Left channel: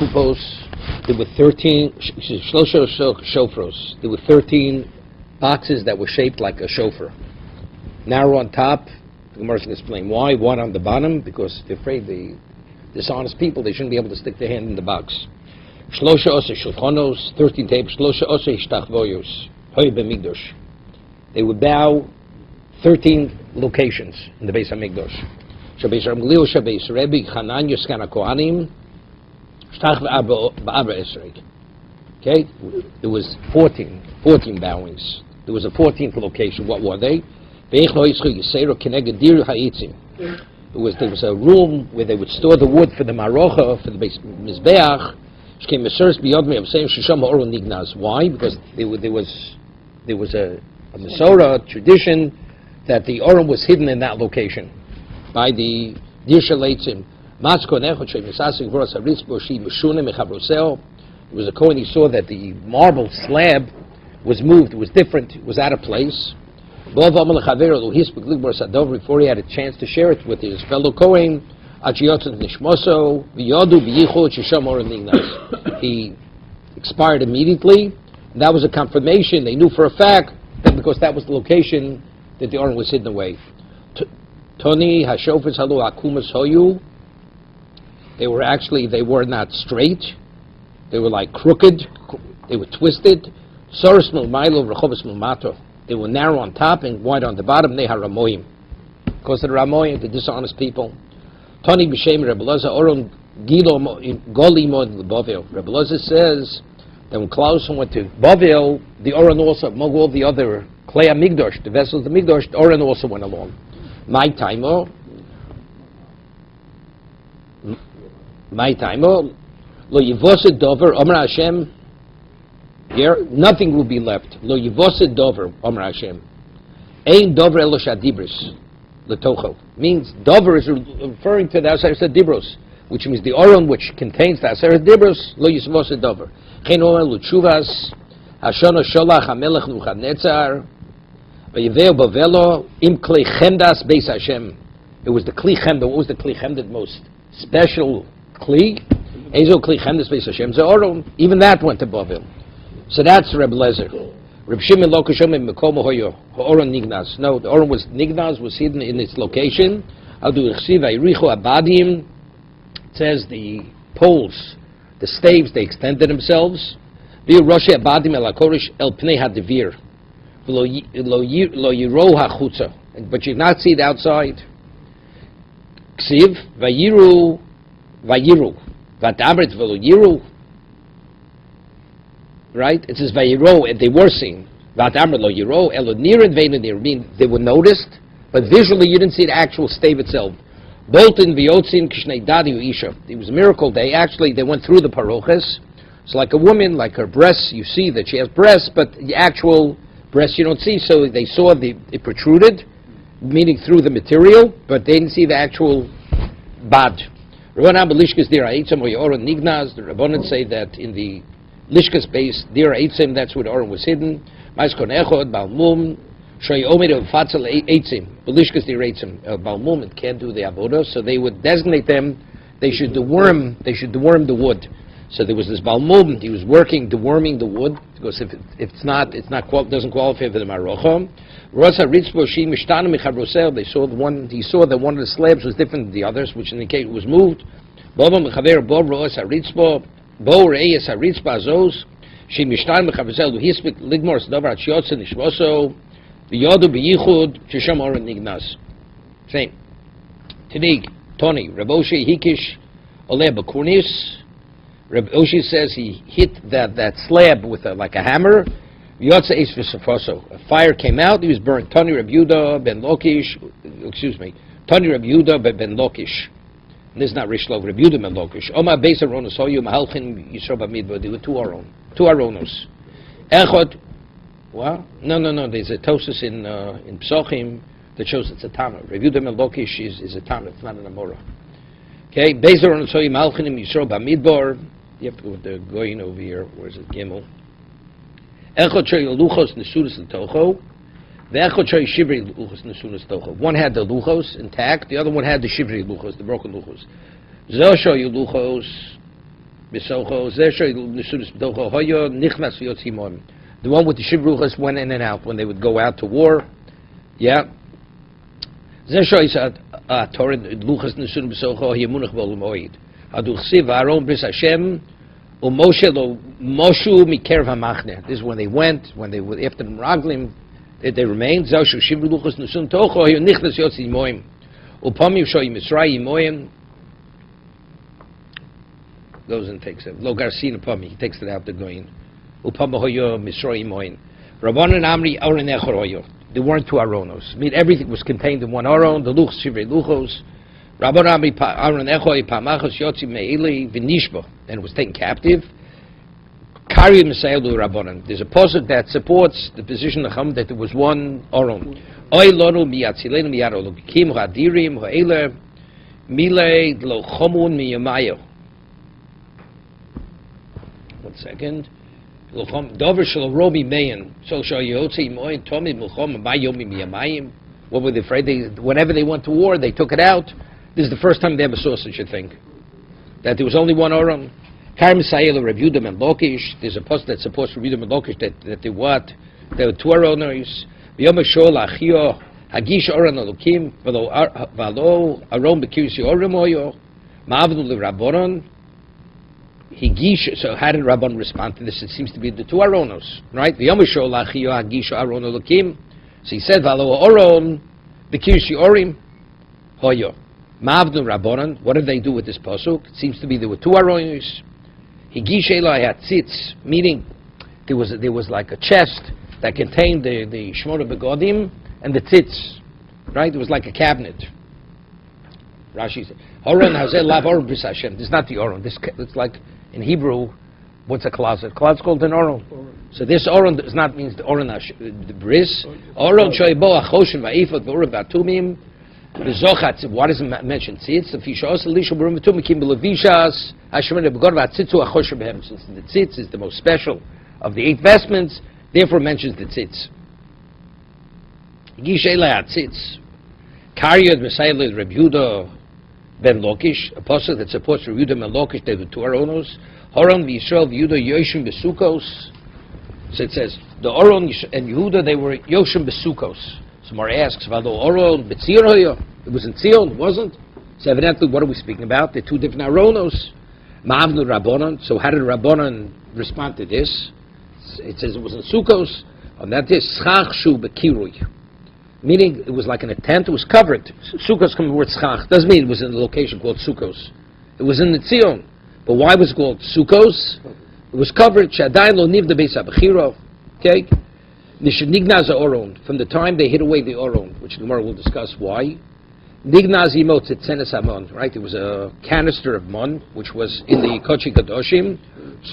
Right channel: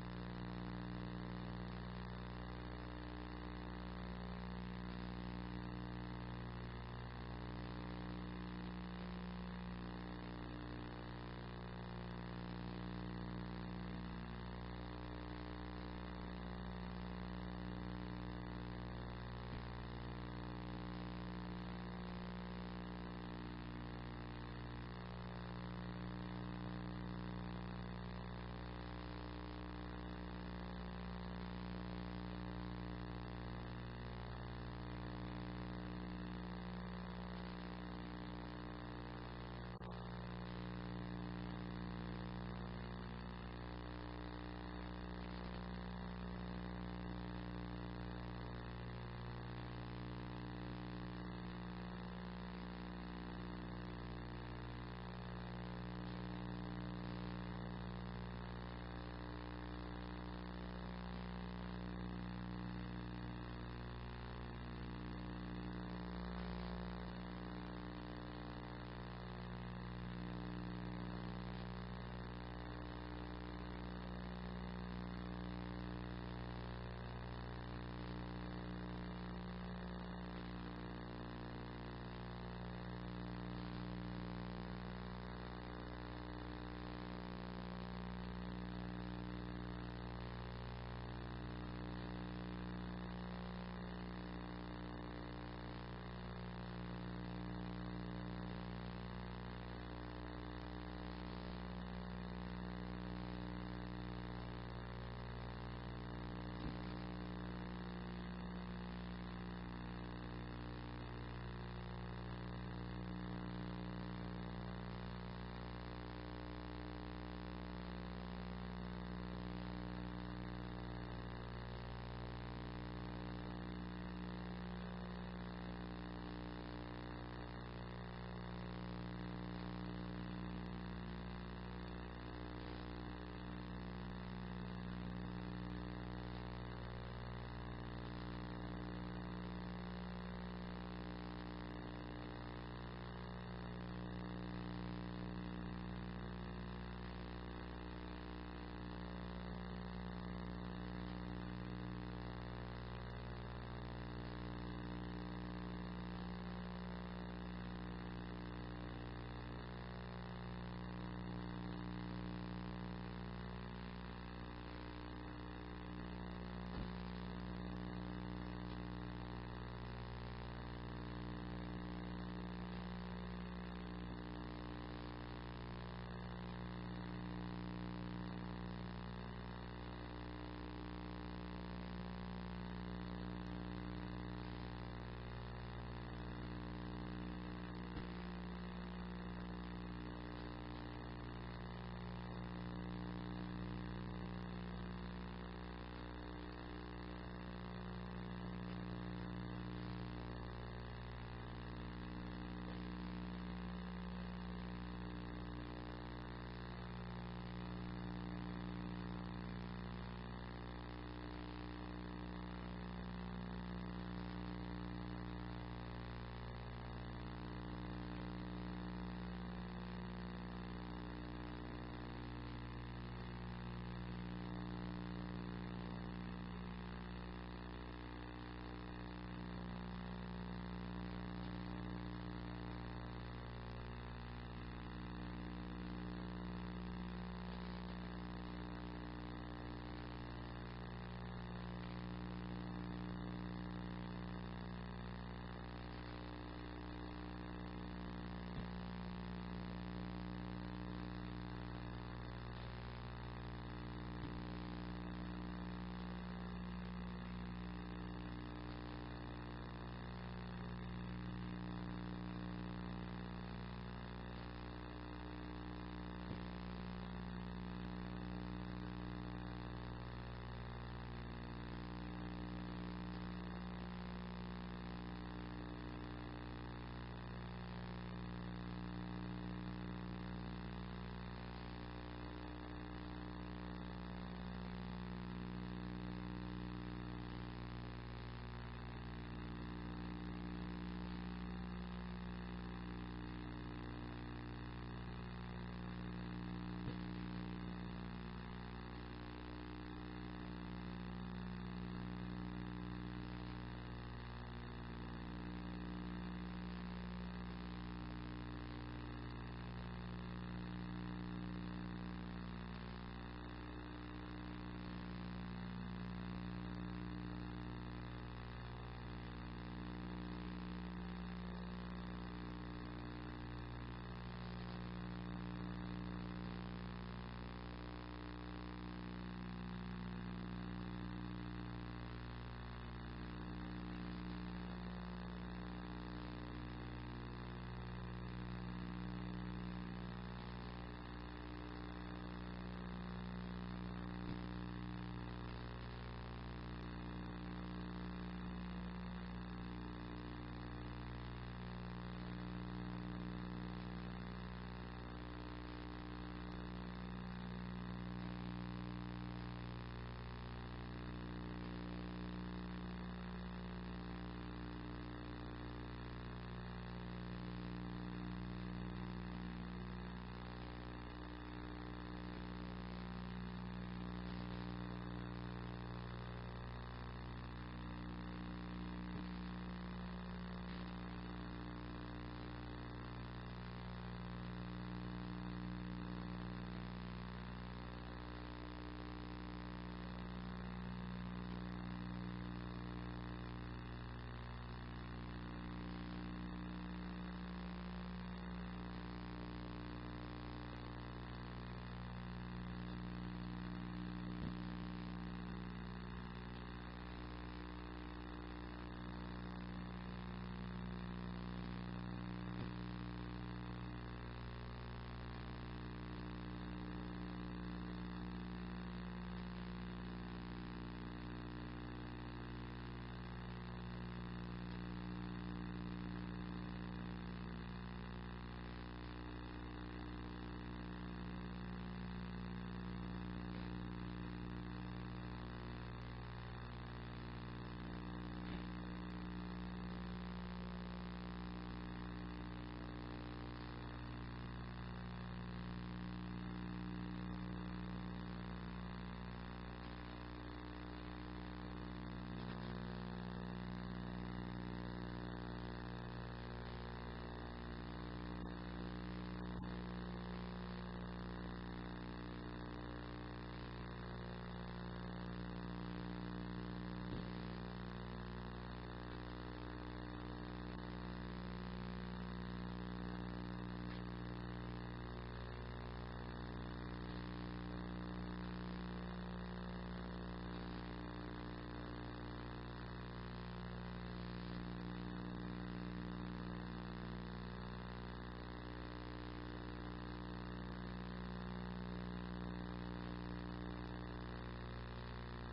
kupos. There were 13 shofros. There were 13 boxes that were shaped like a shofar. Narrow on top. The Gemara can explain why. One on the bottom, because they're afraid the dishonest people, they shouldn't be able to stick their hand in the box. 13 tapes. They would bow 13 locations in the Beis HaMikdash. Okay, there was 14 bowings. There was a 14th location. What were they? There was a room where they would store the wood for the marocha, for the mizbeach. Why? Because there was a Masorah tradition that the Orim was hidden in that location by the Dirsha Leitzim. It was a Kohen, he saw that the marble slab was moved, it was different, it was out of place. Before he had a chance to share it with his fellow Kohen, he expired immediately. And that was a confirmation. They knew for a fact that because that was the location that the Orim was hidden away. Toni hashofes halu akumas hoyu. They were not straight. They were like crooked. They were twisted. Soros milmailo rechovos milmato. They were narrow on top and wide on the bottom. They haramoyim. Because of the Ramoyim, the dishonest people. Toni b'shem Rebbe Loza Oron Gilo Golimo Bavel. Rebbe Loza says that when Klaus went to Bavel, the Oron also, among all the other Klei HaMikdash, the vessels of the Mikdash, the Oron also went along. My taimo, lo yivosid dover, Omer Hashem, here, nothing will be left. Lo yivosid dover, Omer Hashem. Ein dover elo shadibris, letocho. Means dover is referring to the Aseret Dibros, which means the Oron which contains the Aseret Dibros, lo yivosid dover. Chen omer luchuvas, Hashono sholach hamelech Nebuchadnezzar, vayiveo bavelo im klei chemdas beis Hashem. It was the kli chemda. What was the kli chemda? The most special kli. Ezo kli chemdas beis Hashem. The Oron, even that went to Bavel. So that's Reb Lezer. Reb Shimon lo kashom mekomo hoyo Oron nignas. No, the Oron was nignas, was hidden in its location. Adu ichsiv ayricho abadim. It says the poles, the staves, they extended themselves. V'yu roshi abadim el hakorish el pnei hadivir. Lo yiro hachutza. But you not see it outside. Ksiv vayiru vatamrit v'lo yiru. Right? It says vayiro, and they were seen. Vatamrit lo yiro elo nirin veinu nir. Mean they were noticed, but visually you didn't see the actual stave itself. Bolton v'yotzin kishnei dadi u'isha. It was a miracle. They went through the paroches. It's like a woman, like her breasts. You see that she has breasts, but the actual breasts you don't see. So they saw it protruded, meaning through the material, but they didn't see the actual bad. The Rabbanan say that in the Lishkas base, Dira Eitzim, that's where the Oron was hidden. Balmum, it can't do the avodah, so they would designate them. They should deworm the wood. So there was this Balmum. He was deworming the wood, because if it's not doesn't qualify for the marocha. They saw he saw that one of the slabs was different than the others, which indicate it was moved. Same. Tanig, Tony, Raboshi Hikish Ole Bakurnis. Reb Oshi says he hit that slab with like a hammer. A fire came out, he was burned. Tani Reb Yehuda ben Lokish, Tani Reb Yehuda ben Lokish. This is not Rishlov, Reb Yehuda ben Lokish. Oma Beis Aronos Hoyu Mahalchin Yisro Bamidbar. There were two Aronos. Echot. Well, no. There's a Tosus in Psochim that shows it's a Tana. Reb Yehuda ben Lokish is a Tana. It's not an Amora. Okay, Beis Aronos Hoyu Mahalchin Yisro Bamidbar. You have to go with the Goyin over here. Where's it? Gimel. Echot Shei Luchos Nesunas L'Tocho. The Echot Shei Shivri Luchos Nesunas L'Tocho. One had the Luchos intact. The other one had the Shivri Luchos, the broken Luchos. Zel Shei Luchos Besocho Zesha Nisudas B'Docho Hoyo Nichnas V'Yotzi Moim. The one with the Shivruchas went in and out when they would go out to war. Yeah. Zesha is a Torah Luchas Nisudas Besocho Yemunach B'Olam Oid. Adu Chsiv Aaron Bris Hashem Moshe Lo Moshu Mikerev HaMachne. This is when they went, when they were after the Meraglim, they remained. Zesha Shivruchas Nisudas Tocho Hoyo Nichnas V'Yotzi Moim. Upami Shoy Mitzrayim Moim. Goes and takes it. Lo Garcina Pami, he takes it out the going. Upamahoyo Misroim Moin. Rabbanan Amri Aron Echoroyo. There weren't two Aronos. I mean, everything was contained in one Aron, the Luchs, Shivrei Luchos. Rabbanan Amri Aron Echoy, Pamachos, Yotzi Meili, Vinishbo. And it was taken captive. Kari Mesayelu Rabbanan. There's a posuk that supports the position of Chum that there was one Aron. Oy Lonu Miyatzilenu Miyaro Lukim, Hadirim, Ho'ele, Mile, Lo Chomun, Miyamayo. Second, Dover shall Robi Mayan, so shall Yotzi Moin, Tommy Mulchom, Bayomi Miyamayim. What were they afraid? Whenever they went to war, they took it out. This is the first time they ever saw such a thing. That there was only one Oram. Karm Sayel, Rebudim and Lokish. There's a post that supports Rebudim and Lokish that they what? There were two Oroners. Yomashol, Achio, Hagish Oran Alokim, Valo, Aron Bekirsi Oramoyo, Mavnu Rabbonon. So how did Rabban respond to this? It seems to be the two Aronos, right? The Yomashol Lachio Hagisha Aron Elokim. So he said, Valo Oron, the Kirshi Orim, Hoyo. Mavnu Rabbanon. What did they do with this pasuk? It seems to be there were two Aronos. Higish Eloi Hatzitz, meaning there was like a chest that contained the Shmona Begodim and the tzitz, right? It was like a cabinet. Rashi said, Oron Hazel Lav Oron Bris Hashem. This is not the Oron. It's like in Hebrew, what's a closet? Closet's called an Oron. So this Oron does not mean the Oron the bris. Oron shoybo achoshin va'ifot v'urim v'atumim v'zochat. Why does it mention tzitz? The fishos elisha b'urim v'atumim kim b'levishas hashemene b'gor v'atzitzu achoshin b'hem. Since the tzitz is the most special of the 8 vestments, therefore mentions the tzitz. Gishay la'atzitz. Karyod v'sayel Reb Yehuda ben Lokish, a pasuk that supports Reb Yehuda ben Lokish, they were two Aronos. Horon v'Yisrael v'Yehuda yoshim b'sukos. So it says, the Oron and Yehuda, they were yoshim b'sukos. Somebody asks, Vado Oron b'Tzion hoyo? It was in Tzion, it wasn't? So evidently, what are we speaking about? They're two different Aronos. Ma'avnu Rabbanon. So how did Rabbanon respond to this? It says it was in Sukos. On that is schach shu b'kirui. Meaning it was like in a tent, it was covered. Sukkos comes from the word schach. Doesn't mean it was in a location called Sukkos. It was in the Tzion. But why was it called Sukkos? It was covered. Shadayin lo niv the beis habechiro. Okay? Nishnignaz Oron. From the time they hid away the Oron, which tomorrow we'll discuss why. Nignaz imot tzetzenes hamon. Right? There was a canister of mon, which was in the Kochi Kadoshim.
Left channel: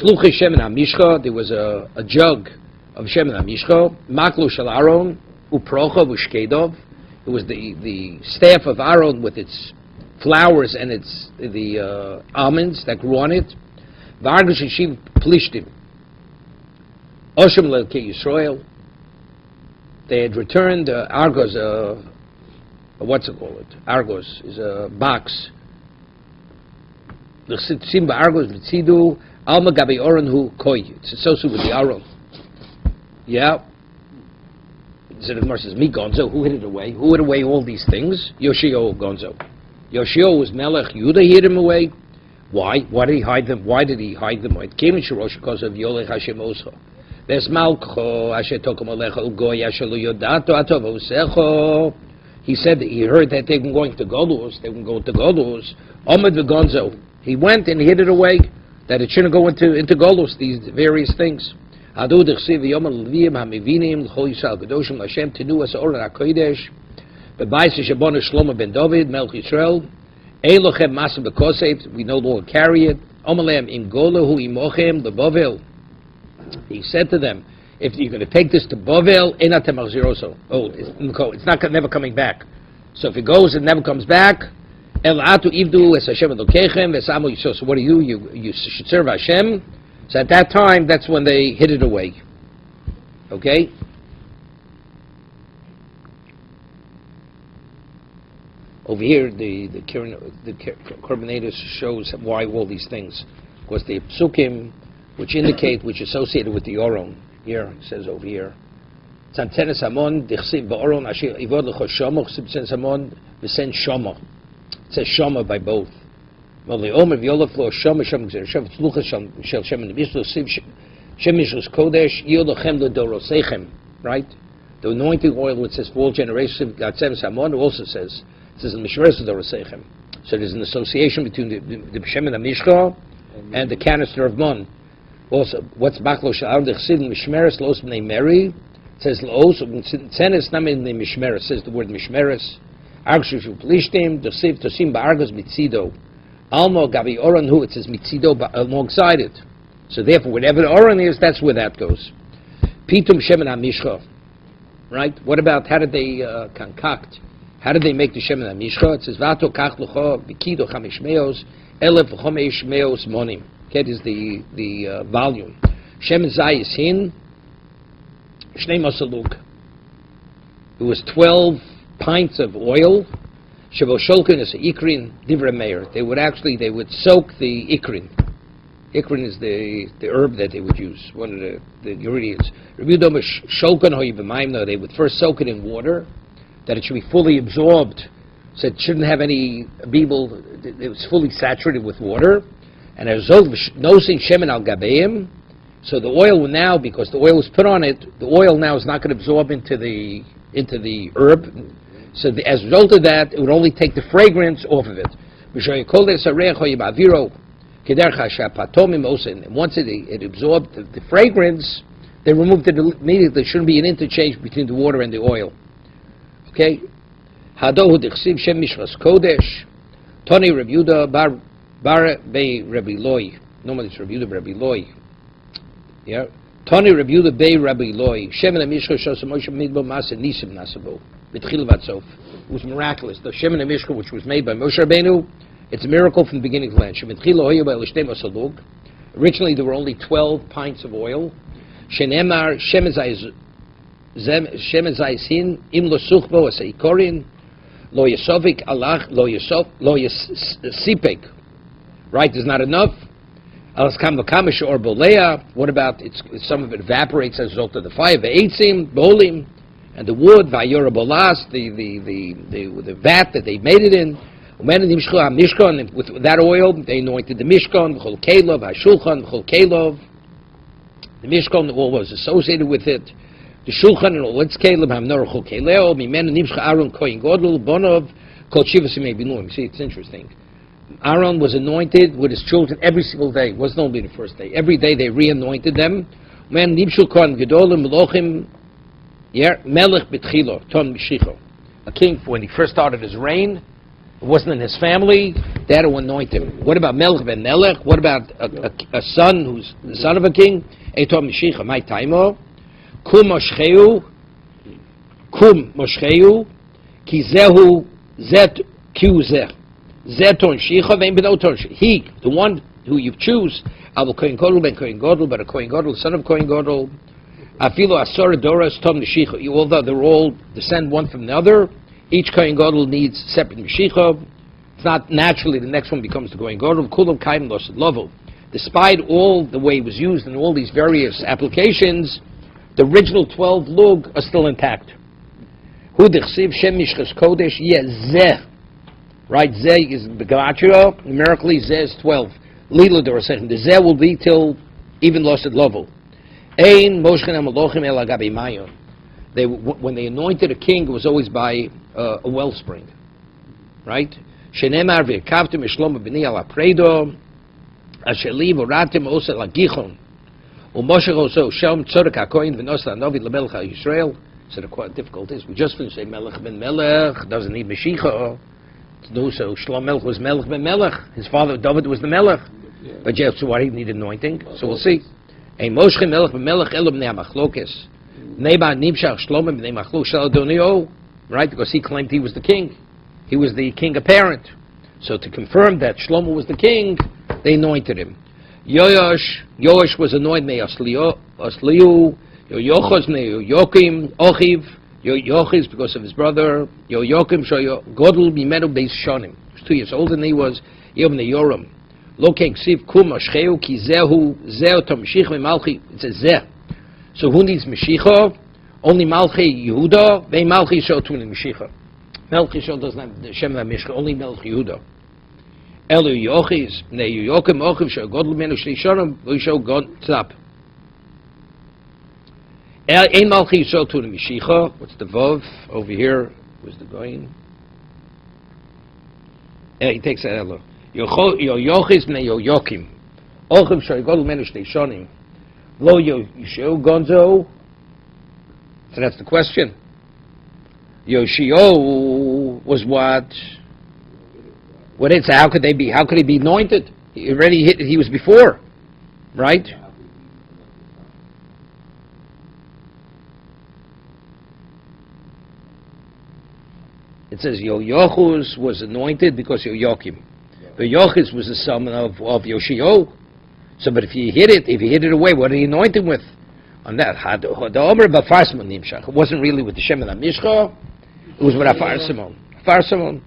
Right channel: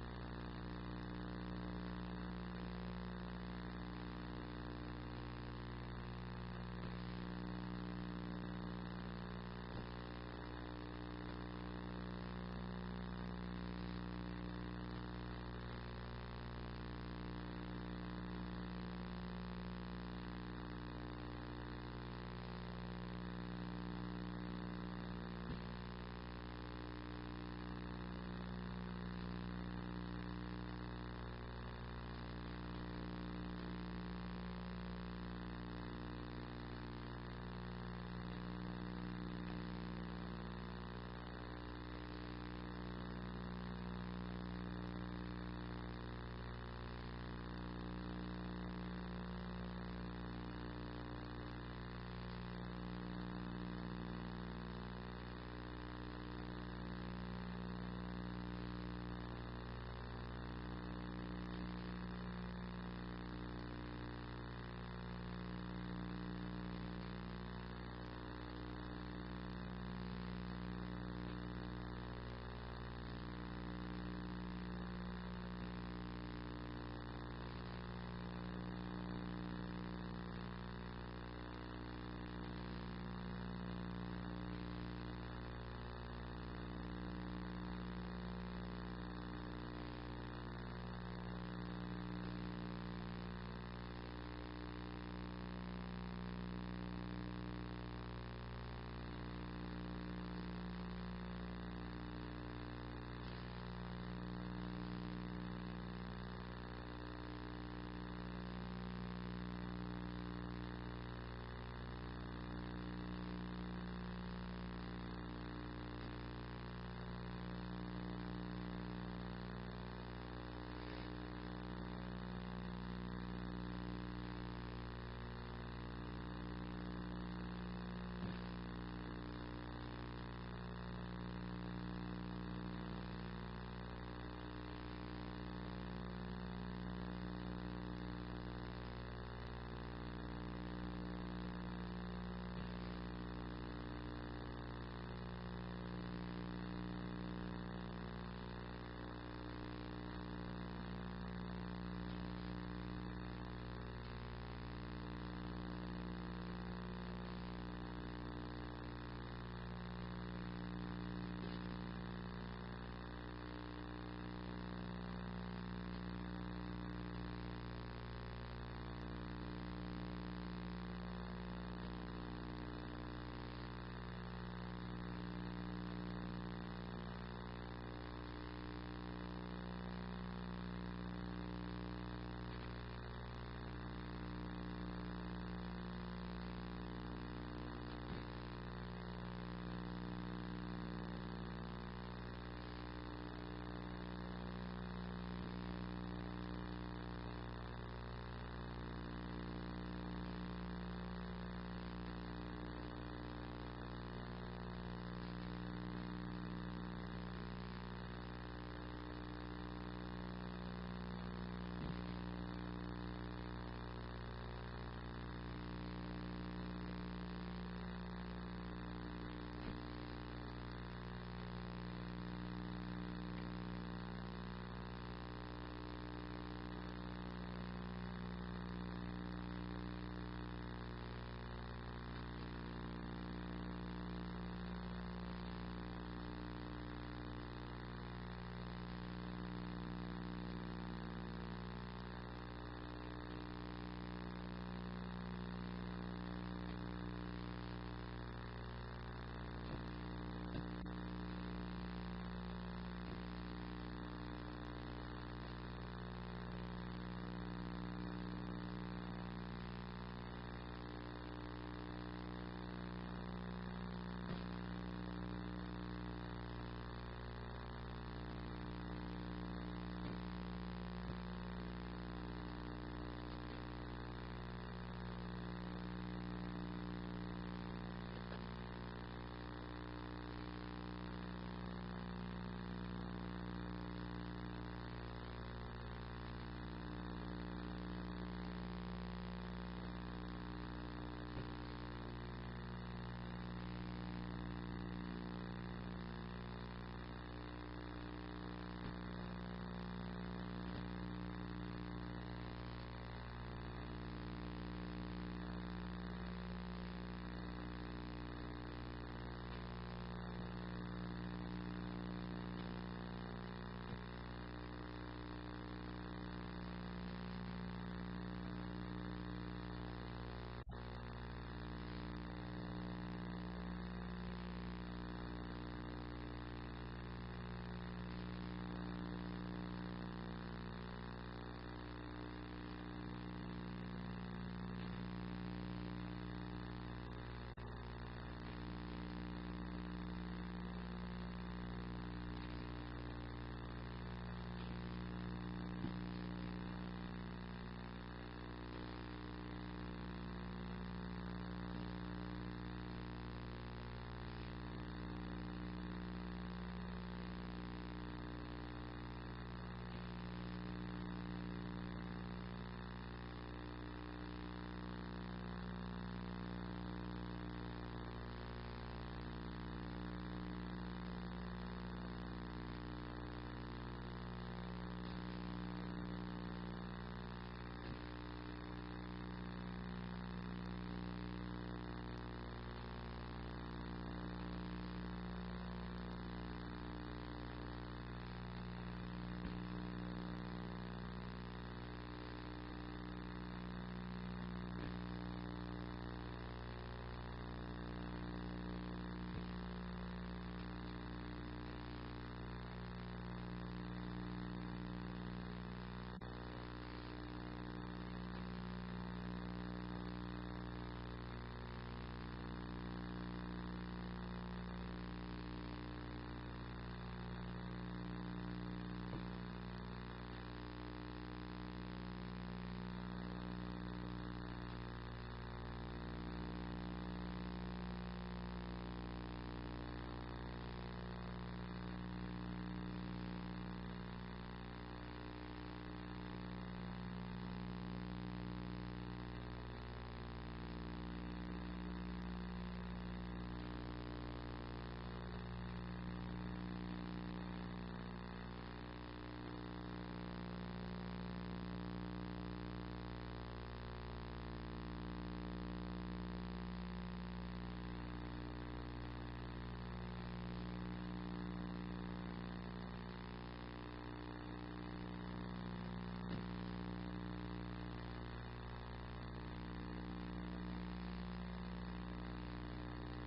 Sluchi shemen hamishcha. There was a jug of shemen hamishcha. Maklu shel Aron. Uprocha v'shkedov. It was the staff of Aaron with its flowers and the almonds that grew on it. V'argosh yeshiv plishtim. Oshem le'elkei Yisrael. They had returned Argos. What's it called? Argos is a box. The Simba Argos v'tzidu alma gabi Oron hu koi. It's associated with the Aaron. Yeah. So the Gemara says, "Me Gonzo, who hid it away? Who hid away all these things? Yoshio Gonzo. Yoshio was Melech. Yehuda hid him away. Why? Why did he hide them? Why did he hide them? It came in Shorosh because of Yolech Hashem Oscho. Ves Malcho Asher Tokom Alecha Ugoy Asher Lo Yodato Atov Osecho. He said that he heard that they were going to Golus. They were going to Golus. Ahmed Gonzo. He went and hid it away. That it shouldn't go into Golus. These various things. Adu d'chsiv yom al-levim hamivinim l'chol Yisrael kadoshim Hashem tenu as oren hakodesh b'bayis shebonu Shlomo ben David melch Yisrael ein lochem masa b'kosef, we no longer carry it. Omalem im golahu imochem leBavel. He said to them, if you're going to take this to Bavel, enatem achziroso. Oh, it's not never coming back. So if it goes and never comes back, el atu ivdu es Hashem elokechem v'samu Yisrael. So what do you should serve Hashem. So at that time, that's when they hid it away. Okay? Over here, the commentators shows why all these things. Because the psukim, which indicate, which associated with the Oron, here, it says over here, Tzantenes Hamon, Dichsiv Ba'oron, Asher Ivod L'cho Shomo, Chsiv Tzantenes Hamon, V'sen Shomo. It says Shomo by both. Well, the Omer V'yolaf Lo Shomo, Shomo Gzer, Shomo Tzlucha, Shel Shem Nebishlo, Siv Shem Mishlos Kodesh, Yodochem L'dorosechem, right? The anointing oil, which says for all generations, Gatzenes Hamon, also says, it says in Mishmeres L'dorosechem. So there's an association between the Shem and Mishcha and the canister of Mon. Also, what's Bachlo Sha'ar, the Chesidim Mishmeres, Los B'nei Meri, it says Los, Tzenes Namin the Mishmeres, says the word Mishmeres, Argshu Plishtim, Dosiv Tosim Ba'argos Mitzido, Almo Gabi Oran Hu, it says Mitzido alongside it. So therefore, whatever the Oran is, that's where that goes. Pitum Shem and Mishcha, right? What about, how did they concoct? How did they make the Shem and Mishcha? It says Vato Kach Lucho, Bikido Chamish Meos, Elef Chomesh Meos Monim. That is the volume. Shem Zayis Hin, Shnei Masaluk. It was 12 pints of oil. Shavo Shulkin is Ikrin Divra Meir. They would soak the Ikrin. Ikrin is the herb that they would use, one of the ingredients. They would first soak it in water, that it should be fully absorbed, so it shouldn't have any beeble. It was fully saturated with water. And as nosin shemen al gabeim, so the oil will now, because the oil was put on it, the oil now is not going to absorb into the herb. So as a result of that, it would only take the fragrance off of it. And once it absorbed the fragrance, they removed it immediately. There shouldn't be an interchange between the water and the oil. Okay? Hadohu dichsiv shem mishras kodesh, Toni Rabbi Yehuda Bar Bei Rabbi Loi. Normally it's Rabbi Yehuda Rabbi Loi. Yeah. Tani Rabbi Yehuda Bei Rabbi Loi. Shemen HaMishcha Shosam Moshe Midbo Masa Nisim Nasabo. B'tchil Vatzov. It was miraculous. The Shemen HaMishcha, which was made by Moshe Rabbeinu, it's a miracle from the beginning to the end. Originally there were only 12 pints of oil. Shenemar Shemen Zayis Hin Im Lo Suchbo Asa Ikorin Lo Yesovik Alach Lo Yesipek. Right, there's not enough. What about some of it evaporates as a result of the fire? Vayeitzei, bolim, and the wood, vayora bolas, the vat that they made it in. And with that oil, they anointed the mishkan, v'chol kelov, hashulchan, v'chol kelov. The mishkan, all was associated with it. The shulchan and all its kelov, hamnor chol keleo, mimenu nimshcha Aaron kohen godol, bonov, kol shivas yimei binuim. See, it's interesting. Aaron was anointed with his children every single day. It wasn't only the first day. Every day they re-anointed them. A king, when he first started his reign, it wasn't in his family. They had to anoint him. What about Melech ben Melech? What about a son who's the son of a king? Kum moshcheu, ki zehu zet kiuzeh. Zeton Shicha vein b'noton. He, the one who you choose, Abu Kohen Gadol ben Kohen Gadol, but a Kohen Gadol, son of Kohen Gadol. Afilo Asor Doras Tom Nishicha. Although they're all descend one from the other, each Kohen Gadol needs separate Mishicha. It's not naturally the next one becomes the Kohen Gadol. Kulam Kaim Los Lovo. Despite all the way it was used in all these various applications, the original 12 lug are still intact. Hu Dechsiv Shem Mishchas Kodesh Yezeh. Right, Zeh is the Gematria, numerically Zeh is 12. Lila Dorasechem. The Zeh will be till even lost at level. Ein Moshchen HaMalochim El Agabi Mayon. When they anointed a king, it was always by a wellspring. Right? Shenemar V'kavtim Eshlomo B'ni Ala Predo Asher Li Voratim Osa Lagichon U'Moshe Oso Shem Tzorek HaKoyin V'nos LaNovi LaMelech HaYisrael. So the quite difficult is, we just finished saying Melech ben Melech, doesn't need Mashiach. No, so Shlomo Melech was Melech ben Melech. His father David was the Melech. Yeah. But yeah, so why he needed anointing? So we'll see. Ein Moshe Melech ben Melech Elo b'nei HaMachlokes. Neba Nimshach Shlomo b'nei Machlok Shel Adonio. Right? Because he claimed he was the king. He was the king apparent. So to confirm that Shlomo was the king, they anointed him. Yoash was anointed by Asliu. Yochos b'nei Yokim Ochiv. Yochis because of his brother. Yokim Godel Bimenu Beis Shonim. He was 2 years older than he was. Yom Yoram. Lo ksiv kum moshcheu ki zehu tomshich memalchi. It says zeh. So who needs Mashiach? Only Malchi Yehuda. Ve Malchi Shol Tuni Mashiach. Malchi Shol doesn't have the Shem Mishcha. Only Malchi Yehuda. Elu Yochis Ne Yokim Ochiv Shol God Lumenu Shlishonim V'Shol God Tzap. Ein Malchi Shol Tuni Mashiach. What's the Vov over here? Where's the going? He takes that Elu. Yochis Ne Yokim Ochiv Shol God Lumenu Shlishonim. Lo Yoshio Gonzo. So that's the question. Yoshio was what? What is? How could they be? How could he be anointed? He already hit. He was before, right? It says Yochus was anointed because Yoakim. Yochus was the son of Yoshio. So, but if you hit it away, what did he anoint him with? On that, it wasn't really with the Shem and Mishcha. It was with Afar Simon. Afar Simon.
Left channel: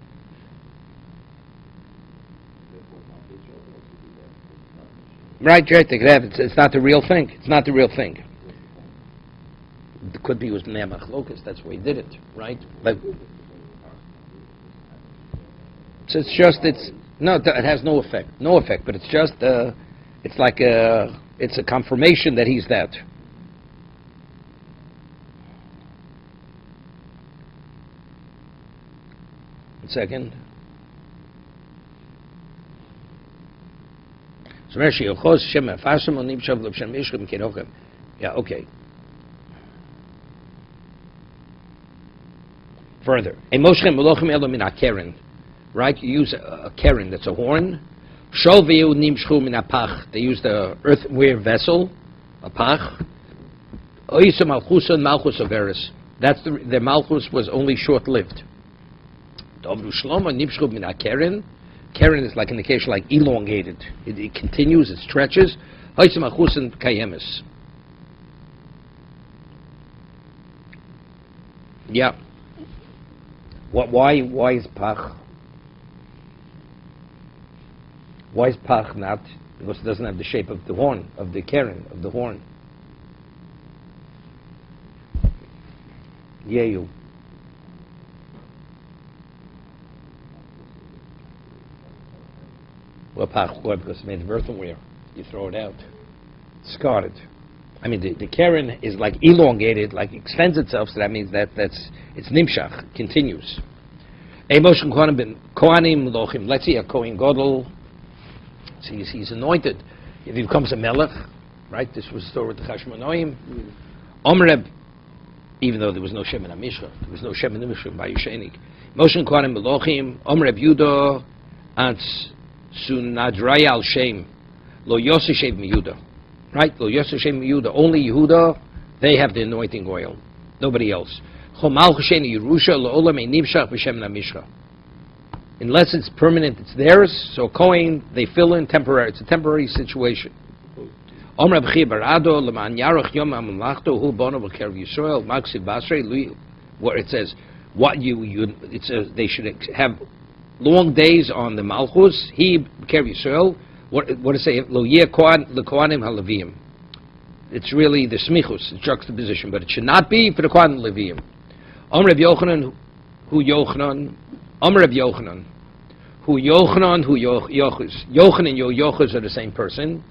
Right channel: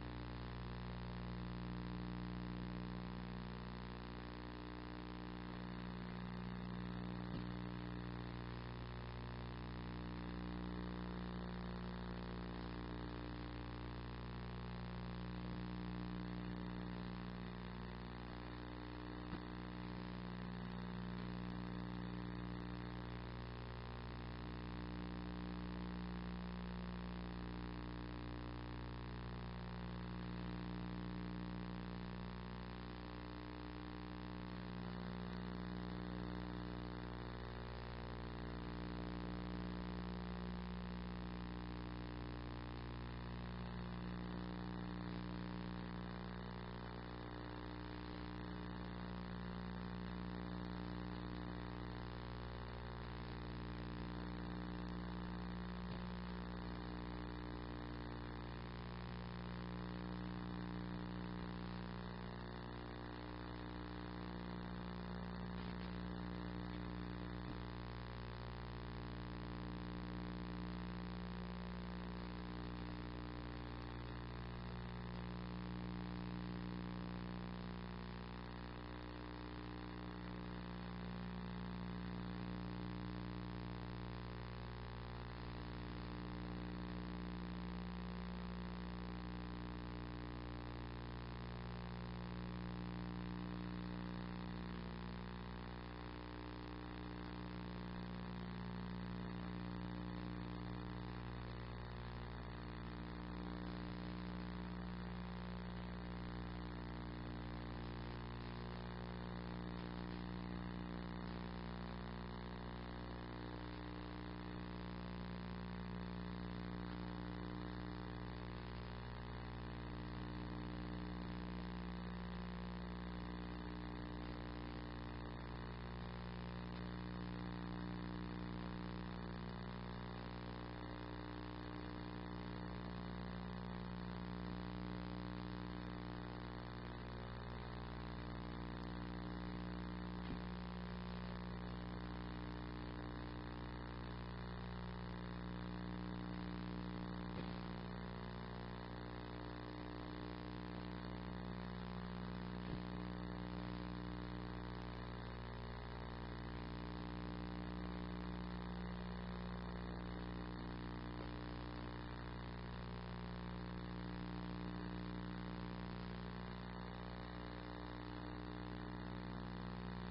Right. It's not the real thing. It's not the real thing. It could be it was Nemach Locus. That's why he did it, right? Like, so it has no effect. No effect. But it's just. It's like it's a confirmation that he's that. One second. Yeah, okay. Further. Right? You use a keren, that's a horn. They used the earthenware vessel, a pach. That's the malchus was only short-lived. Keren is like an occasion like elongated. It continues, it stretches. Yeah. Why is pach? Why is pach not? Because it doesn't have the shape of the horn, of the keren, of the horn. Yehu. Well, pach, why? Because it's made of earthenware. You throw it out. It's discarded. I mean, the keren is like elongated, like extends itself, so that means it's nimshach, continues. Let's see a Kohen Gadol. He's anointed. If he becomes a melech, right? This was the story with the Chashmonaim. Omreb, even though there was no Shem in Amishcha, there was no Shem in Amishcha by Yishenik. Moshe Kohanim Melochim, Omreb Yudo, Ants Sunadraya al Shem, Lo Yosef Yehuda. Right? Lo Yosef Yehuda. Only Yehuda, they have the anointing oil. Nobody else. Chomal Cheshen Yerusha, Lo Olam Einivshach B'Shem Namishcha. Unless it's permanent, it's theirs. So Kohen, they fill in temporary. It's a temporary situation. Where it says, it says they should have long days on the Malchus. He Kev Yisrael. What does it say? Lo yeh Kohanim haLevim. It's really the smichus, the juxtaposition, but it should not be for the Kohanim Levim. Reb Yochanan, who Yochanan. Reb Yochanan, who Yochanan, who Yochus. Yochanan and Yochus are the same person.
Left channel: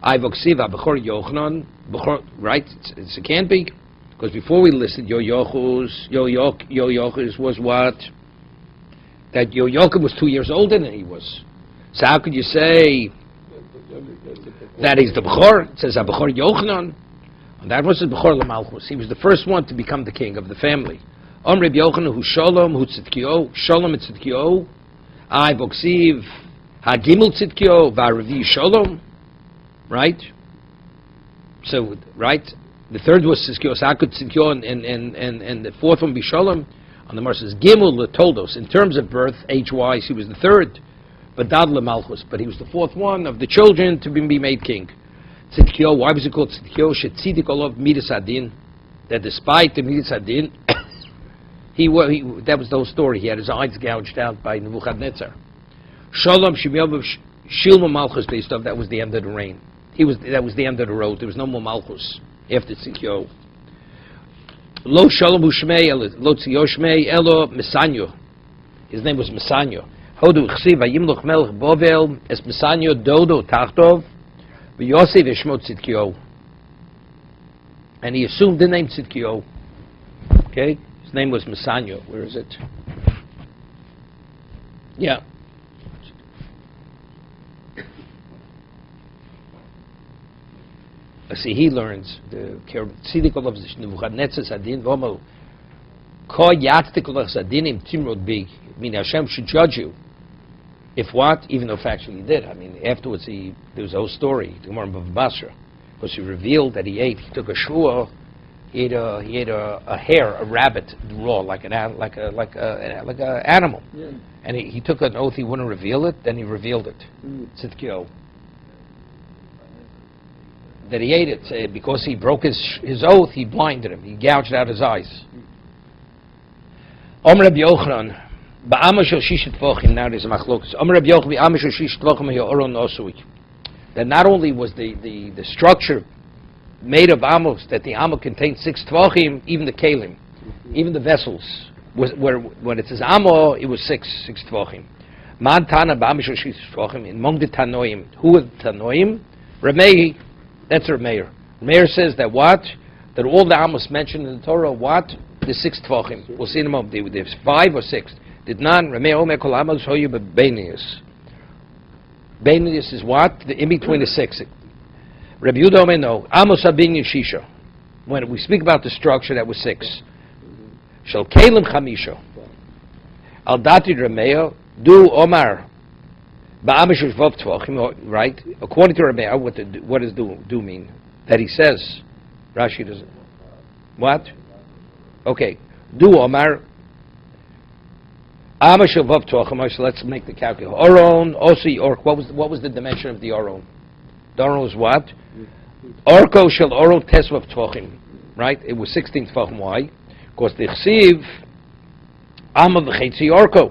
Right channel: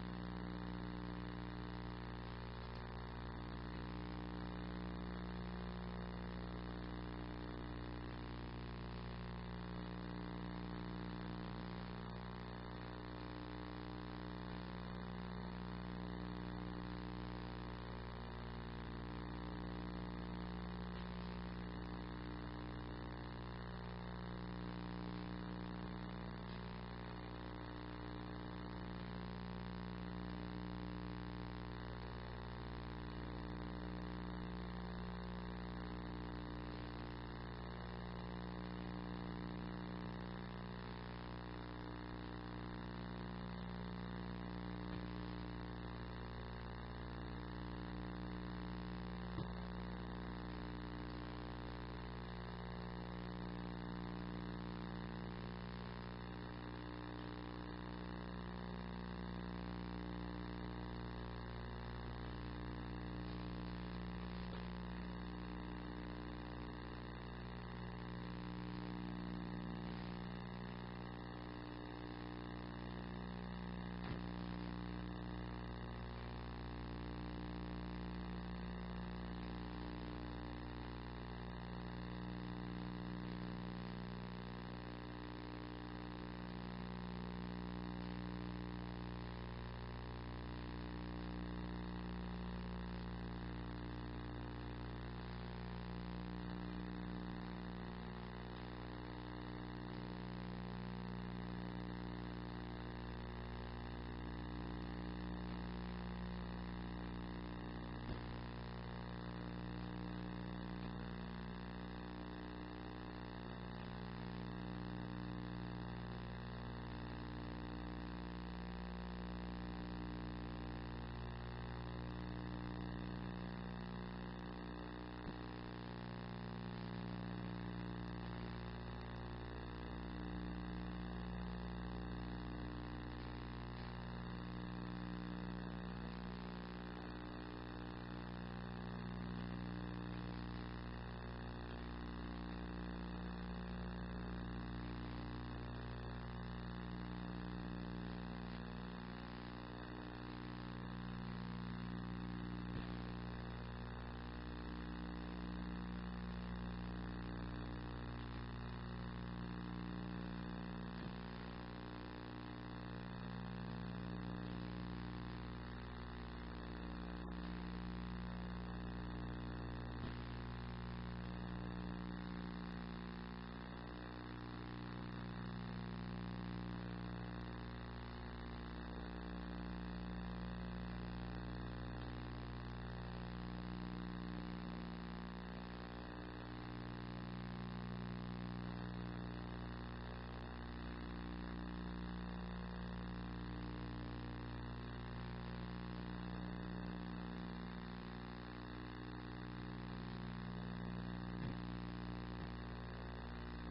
I voksiva b'chor Yochanan, b'chor, right? It can't be, because before we listed Yochus was what? That Yochum was 2 years older than he was. So how could you say that he's the b'chor? It says b'chor Yochanan. That was the b'chor l'malchus. He was the first one to become the king of the family. Reb Yochanan, who Shalom, who Tzidkio, Shalom and Tzidkio, I Boksiv, Hagimel Tzidkio, Varavi Shalom, right? So, right? The third was Tzidkio, so how could Tzidkio and the fourth one be Shalom? On the Mar says Gimel Toldos. In terms of birth, age-wise, he was the third, but Dad Malchus, but he was the fourth one of the children to be made king. Tzidkio, why was it called Tzidkio? Shetzidik Olov Midas Adin, that despite the Midas Adin, that was the whole story. He had his eyes gouged out by Nebuchadnezzar. Shalom Shilma Malchus based off, that was the end of the reign. That was the end of the road. There was no more Malchus after Tzidkiyahu. Lo Shalom Ushmei, Lo Tzio Shmei, Elo Mesanyo. His name was Mesanyo. Hodu Chsiv Vayimloch Melech Bovel, Es Mesanyo Dodo Tachtov, V'Yosef Eshmo Tzidkiyahu. And he assumed the name Tzidkiyahu. Okay? His name was Mesanyo. Where is it? Yeah. See, he learns the Tzidikol of Nebuchadnezzar Sadin Vomel Ko Yatztikol of Sadinim Timrod Big. I mean, Hashem should judge you. If what? Even though factually he did. I mean, afterwards there was a whole story. The Gemara of Basra, because he revealed that he took a shua. He ate a hare, a rabbit, raw, like an animal. Yeah. And he took an oath he wouldn't reveal it. Then he revealed it. Tzidkiyahu. That he ate it because he broke his oath. He blinded him. He gouged out his eyes. Omer Rabbi Yochanan, ba'ama shel shishet tvachim. Now there's a machlokas. Omer Rabbi Yochanan, ba'ama shel shishet tvachim ha'oron nosui. That not only was the structure made of amos, that the amo contained 6 tvachim, even the kalim, even the vessels, when it says amo, it was 6 tvachim. Man tana ba'ama shel shishet tvachim. Among the tanoim, who are the tanoim? Ramei. That's Rav Meir. Meir says that what? That all the amos mentioned in the Torah, what? The 6 tvachim. We'll see in a moment. There's 5 or 6. Did none. Rav Meir omer kol amos hoyu bebeinius. Beinius is what? In between the 6. Rabbi Yehuda omer no. Amos habinyan shisha. When we speak about the structure, that was 6. Shel kelim chamisha. Al dati Rav Meir do omar. Right? According to Rabbi, what does do mean? That he says, Rashi doesn't. What? Okay. Do Omar. So let's make the calculation. Oron, Osi, Ork. What was the dimension of the Oron? The Oron was what? Orko shel Oron tesvav tvachim. Right? It was 16 tvachim. Why? Because the chsiv Amma v'chetzi Orko.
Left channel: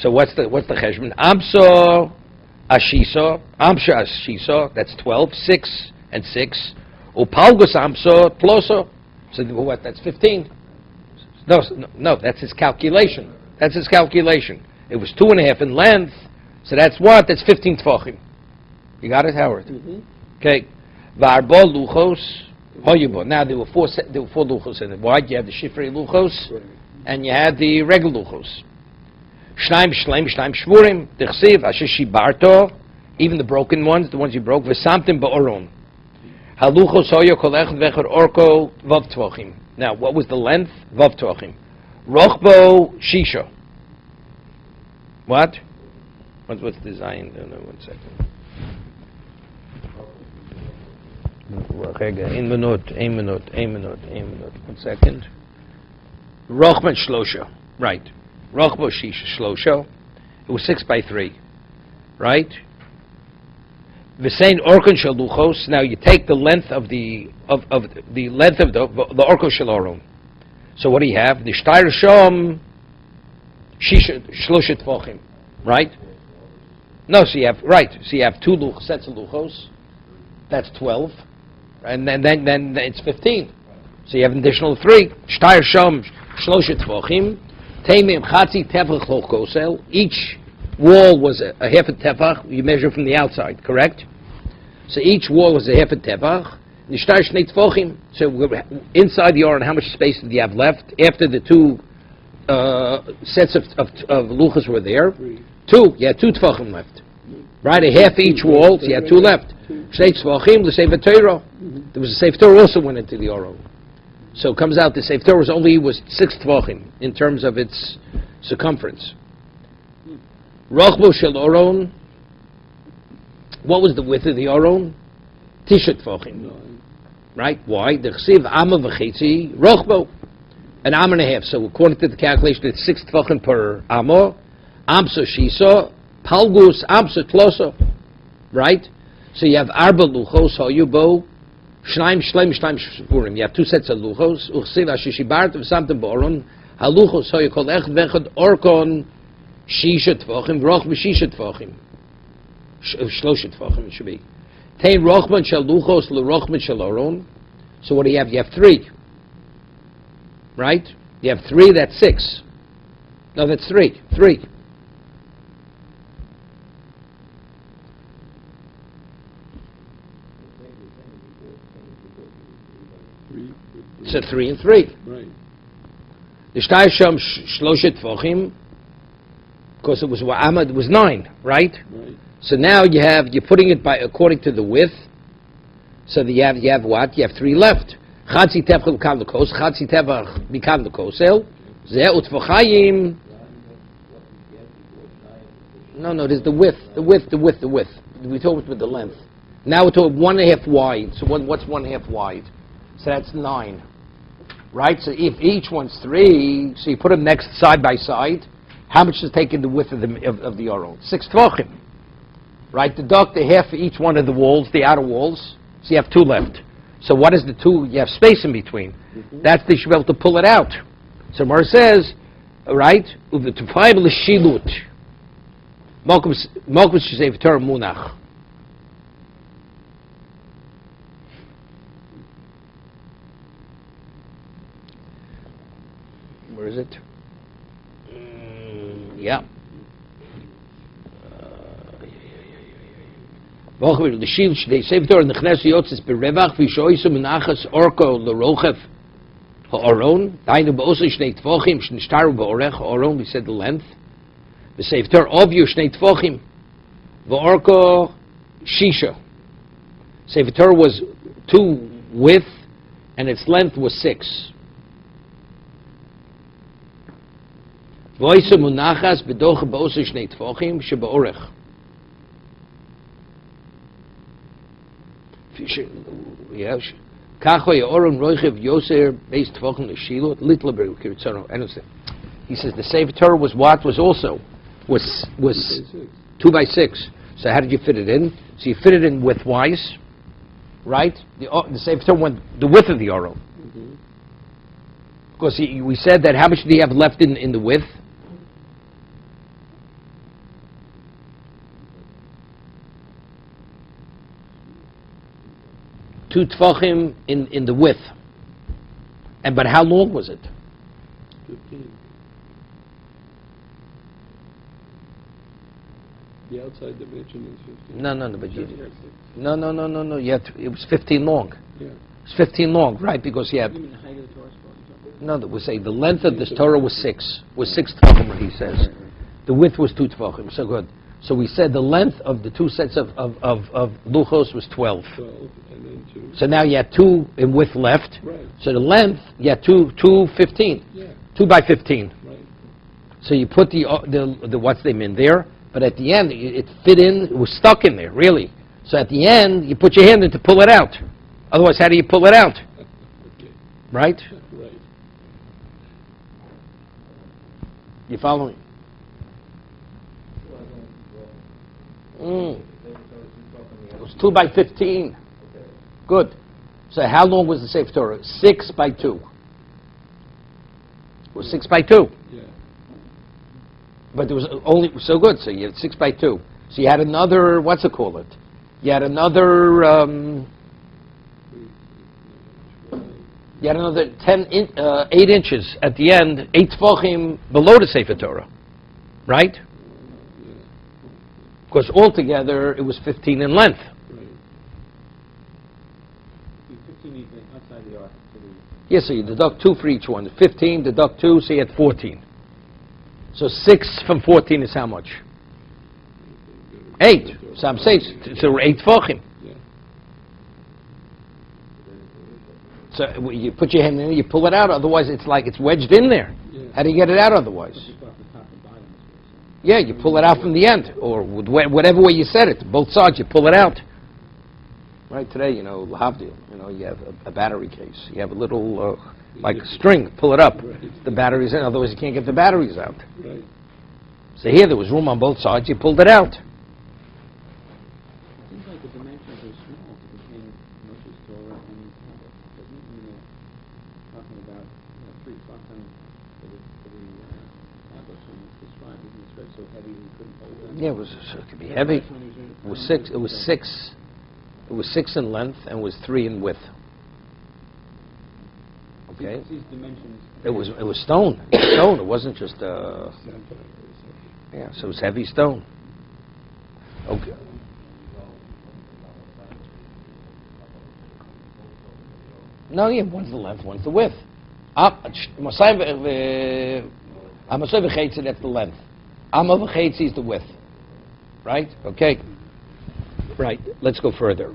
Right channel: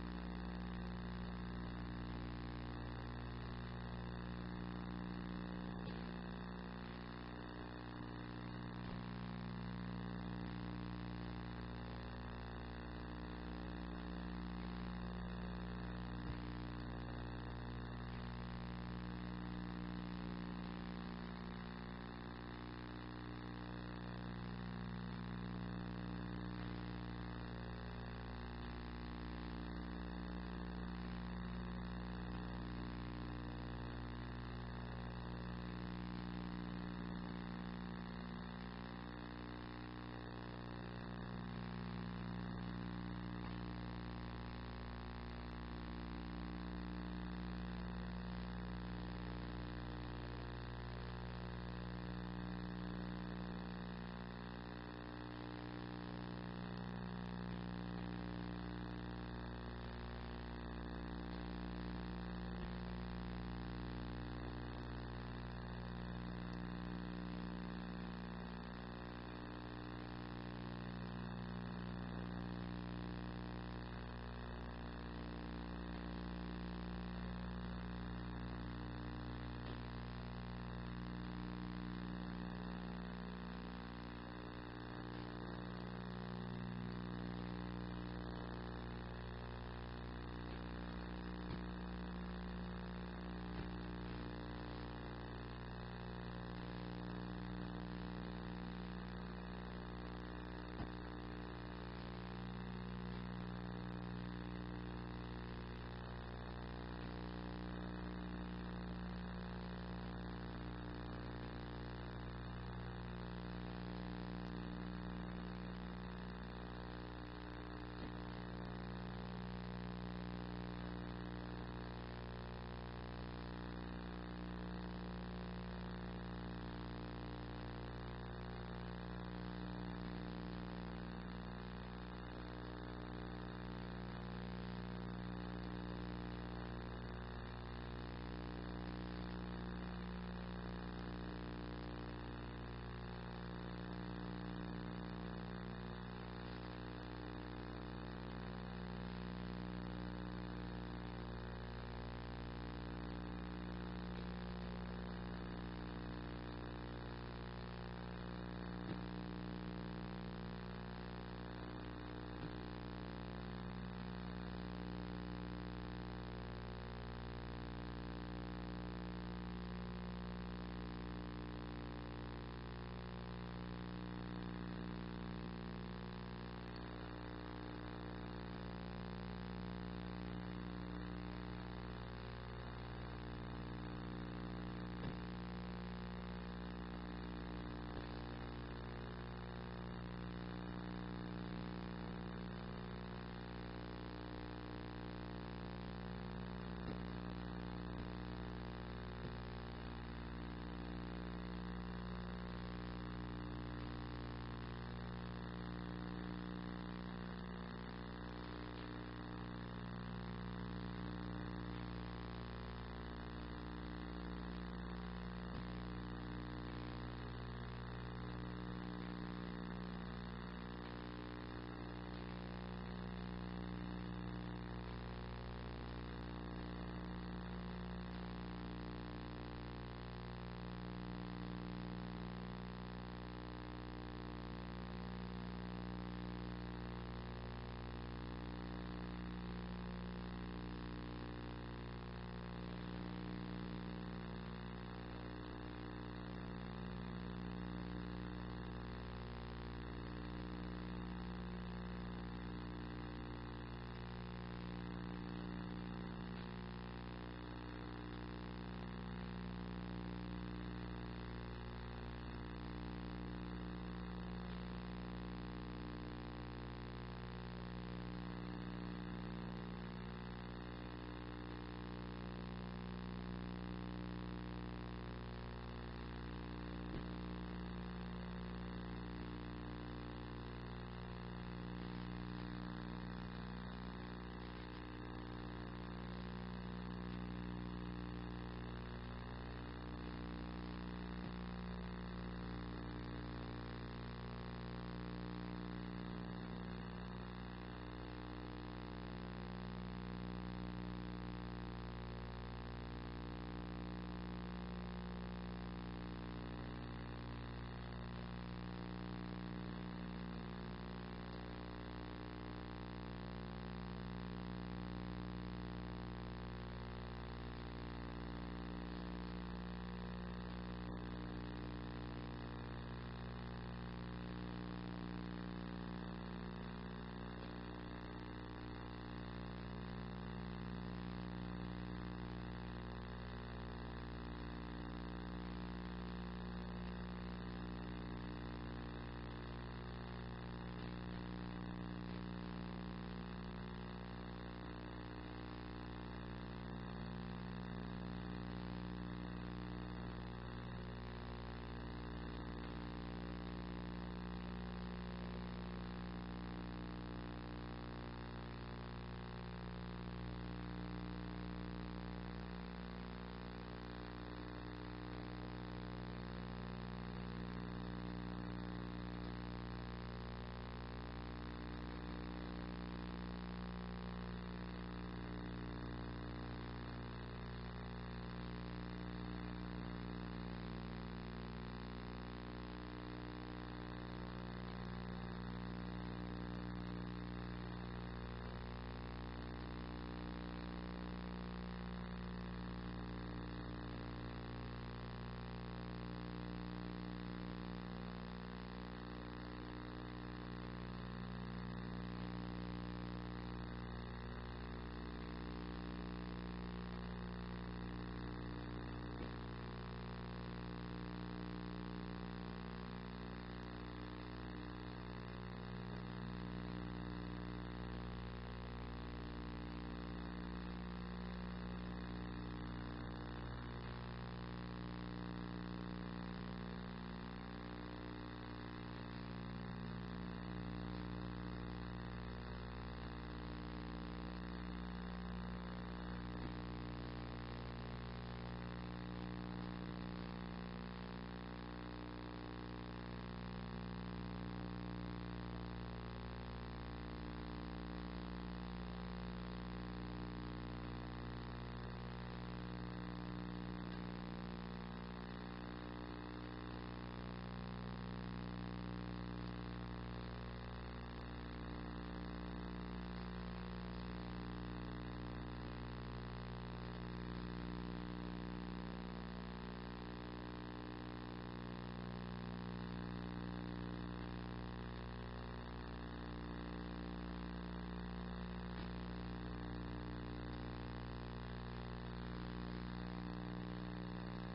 So what's the cheshbon? Amso ashiso, amsha ashiso. That's 12. 6 and 6. Upalgus amso ploso. So what? That's 15. No. That's his calculation. That's his calculation. It was 2.5 in length. So that's what? That's 15 tvachim. You got it, Howard? Mm-hmm. Okay. Varbo luchos hoyubo. Now there were 4 luchos in it. Why? You have the shifrei luchos, and you had the regular luchos. Shnaim shlem, shnaim shvurim, dechsiv, asher shibarto, even the broken ones, the ones you broke, v'samtim ba'oron. Haluchos hoyo kolech v'echor orko vav tvachim. Now, what was the length? Vav tvachim. Rochbo shisha. What? What's the design? No, 1 second. Ein minute. 1 second. Rochman shlosha. Right. Rochbo shisha shlosha. It was 6 by 3, right? V'sein orkon shel luchos. Now you take the length of the length of the orkon shel oron. So what do you have? The shtayr shom shisha shlosha tvachim, right? No, so you have 2 sets of luchos. That's 12, and then it's 15. So you have an additional 3. Shtayr shom shlosha tvachim. Each wall was a half a tefach. You measure from the outside, correct? So each wall was a half a tefach. So inside the Aron, how much space did you have left after the 2 sets of luchas were there? 2. You had 2 tefachim left, right? A half each wall. So you had 2 left. Shnei tefachim, the Sefer Torah. There was a Sefer Torah also went into the Aron. So it comes out the Sefer Torah was 6 tvachim in terms of its circumference. Rochbo shel Oron. What was the width of the Oron? Tisha tvachim. Right? Why? The chsiv amma v'chetzi rochbo. An am and a half. So according to the calculation, it's 6 tvachim per amo. Amso shiso. Palgus amso tloso. Right? So you have arba luchos hoyubo. Shnaim shlem shnaim shvurim. You have 2 sets of luchos. Uchsiv ashishibartu v'samtem ba'oron. Haluchos hoyu kol echad vechad orkon shisha tvachim v'roch b'shisha tvachim. Shloshet Tvachim it should be. Tein Rochman Shel Luchos LeRochman Shel Aron. So what do you have? You have 3. Right? You have 3, that's 6. No, that's 3. 3. It's a 3 and 3. Right. The Shtay Sham Shloshet Tvachim, because it was 9, right? Right. So now you're putting it by according to the width. So you have what? You have 3 left. Chatzi tefach b'kam l'kos, chatzi tefach b'kam l'kosel, zeh u'tfachayim. No, there's the width. We talked with the length. Now we're talking 1.5 wide. So what's 1.5 wide? So that's 9. Right? So if each one's 3, so you put them next side by side, how much is taking the width of the Aron? 6 tvachim. Right? Deduct a half for each one of the walls, the outer walls. So you have 2 left. So what is the 2? You have space in between. That's the should be able to pull it out. So Mar says, right? Uv'tufayim l'shilut. Malkum shesef Torah munach. Where is it? Yeah. The shield they say Torah in the Knesset Yotzes berevach v'shoisu menachas orko l'rochef ha'aron dainu ba'osu shnei tvochim shnishtaru ba'orech ha'aron. We said the length. The Sefer Torah of you shnei tvochim v'orko shisha. Sefer Torah was 2 width and its length was 6. V'oisu menachas b'docha ba'osu shnei tvochim sheba'orech. Yeah, he says the Sefer Torah was what? Was also was 2 by 6. So how did you fit it in? So you fit it in widthwise, right? The Sefer Torah went the width of the Aron. Because we said that how much do you have left in the width? 2 tefachim in the width. But how long was it? 15. The outside dimension is 15. No, but no. It was 15 long. Yeah. It's 15 long, right? Because you have. No, we say the length of this Torah was 6 tefachim. What he says, the width was 2 tefachim. So good. So we said the length of the 2 sets of luchos was 12. 12 and then 2. So now you had 2 in width left. Right. So the length, you had 2 15. Yeah. 2 by 15. Right. So you put the what's name in there, but at the end it fit in. It was stuck in there, really. So at the end you put your hand in to pull it out. Otherwise, how do you pull it out? Okay. Right? Right. You following? It was 2 by 15. Good. So how long was the Sefer Torah? 6 by 2. It was 6 by 2. Yeah. But there was only so good. So you had 6 by 2. So you had another. What's it called? You had another. You had another 8 inches at the end. 8 tefachim below the Sefer Torah, right? Because altogether it was 15 in length. Yes, so you deduct 2 for each one. 15, deduct 2, so you had 14. So 6 from 14 is how much? 8. So I'm saying, so 8 tefachim. So you put your hand in, you pull it out, otherwise it's like it's wedged in there. How do you get it out otherwise? Yeah, you pull it out from the end, or whatever way you set it, both sides, you pull it out. Right, today, lahavdil, you have a battery case. You have a little, like a string, pull it up. The battery's in, otherwise you can't get the batteries out. Right. So here there was room on both sides, you pulled it out. Yeah, it could be heavy. It was six. It was six. It was 6 in length and was 3 in width. Okay. It was stone. Stone. It wasn't just yeah. So it was heavy stone. Okay. No, yeah. One's the length, one's the width. Vayeitzei, that's the length. Vayeitzei is the width. Right? Okay. Right. Let's go further.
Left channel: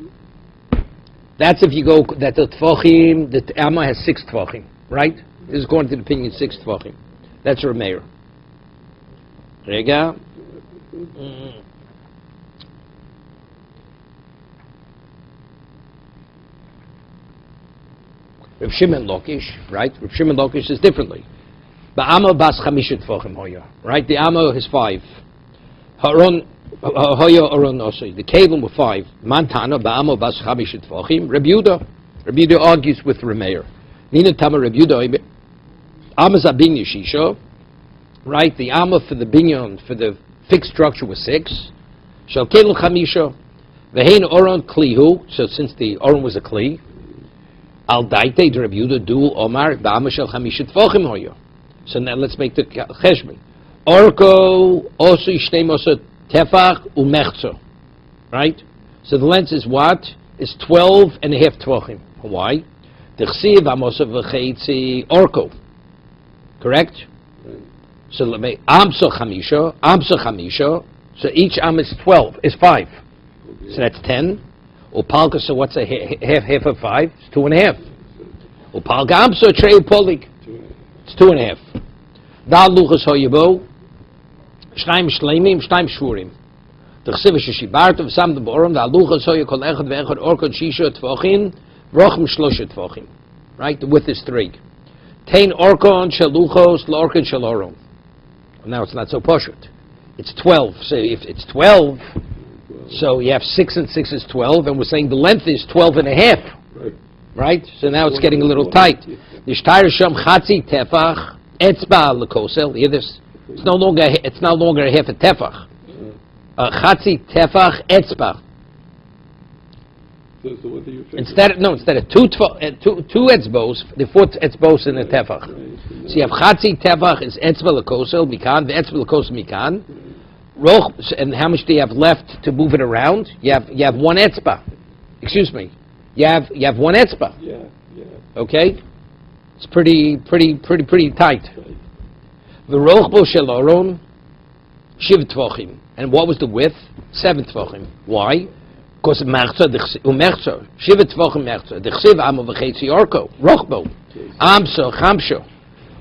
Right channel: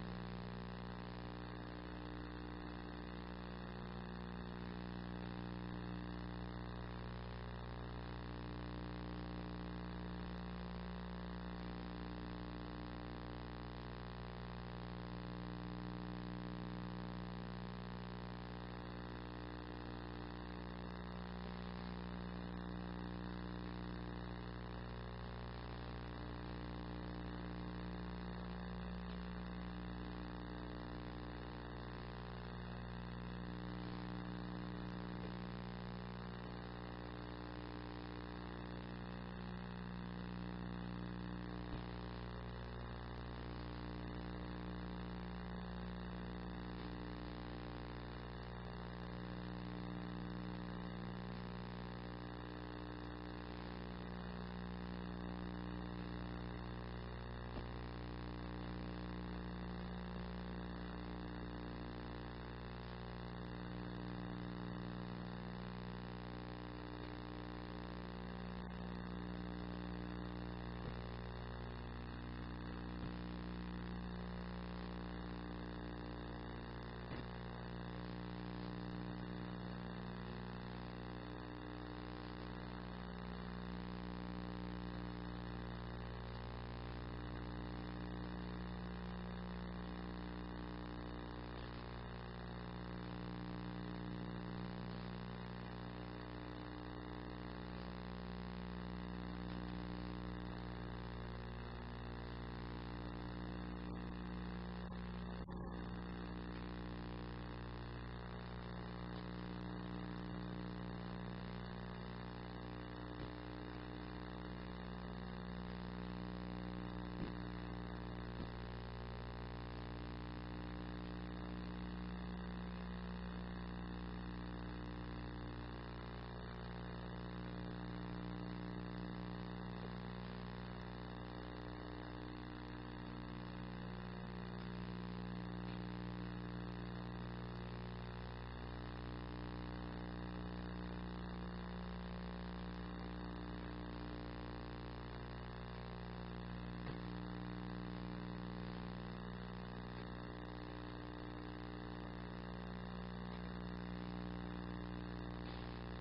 That's if you go that the tefachim, the Amma has 6 tefachim. Right? This is according to the opinion 6 tefachim. That's her mayor. Rega. Rav Shimon Lakish, right? Rav Shimon Lakish says differently. Ba'ama bas chamisha tefachim hoya, right? The Amma is 5. Haron hoya aron osay. The Kalim were 5. Mantana ba'ama bas chamisha tefachim. Rabbi Yehuda argues with Rameir. Nina Tama Rabbi Yehuda. Amma zabin yishisha, right? The Amma for the binyan for the fixed structure was 6. Shal Kalim chamisha. Vehein oron klihu. So since the oron was a kli. Al daite the Rabbi Yehuda du Omar ba'ama shel chamisha tefachim hoya. So now let's make the cheshbon. Orko osu shnei mosa tefach umechzer. Right? So the length is what? Is 12 and a half tefachim. Why? T'chsiv amosa v'cheitzi orko. Correct? So let me amsa chamisha. So each am is 12, is 5. So that's 10. Upalka, so what's a half of 5? It's 2.5. Upalka amsa trei upolik. It's 2.5. Da luchas hoyabo. Shnaim shleimim, shnaim shurim. The chsiv sheshibartov sam the borom. Da luchas hoya kol echad ve'echad orkod shisha tefachim. Rochem shlosha tefachim. Right? The width is 3. Tein orkon shaluchos lorkon shaloron. Now it's not so poshut. It's 12. So if it's 12, so you have 6 and 6 is 12, and we're saying the length is 12 and a half. Right? So now it's getting a little tight. Nishtayr sham chatzi tefach etzba lekosel. Hear this? It's no longer a half a tefach. Chatzi tefach etzba. Instead of 2 etzbos, the 4th etzbos in the tefach. So you have chatzi tefach is etzba lekosel mikan, the etzba lekosel mikan. Roch, and how much do you have left to move it around? You have 1 etzba. Excuse me. You have 1 etzba. Yeah. Okay? It's pretty tight. The rochbo shel aron shiv tefachim. And what was the width? 7 tefachim. Why? Because merzer shiv tefachim merzer. The chsiv amo v'cheitzi orko rochbo amso chamsho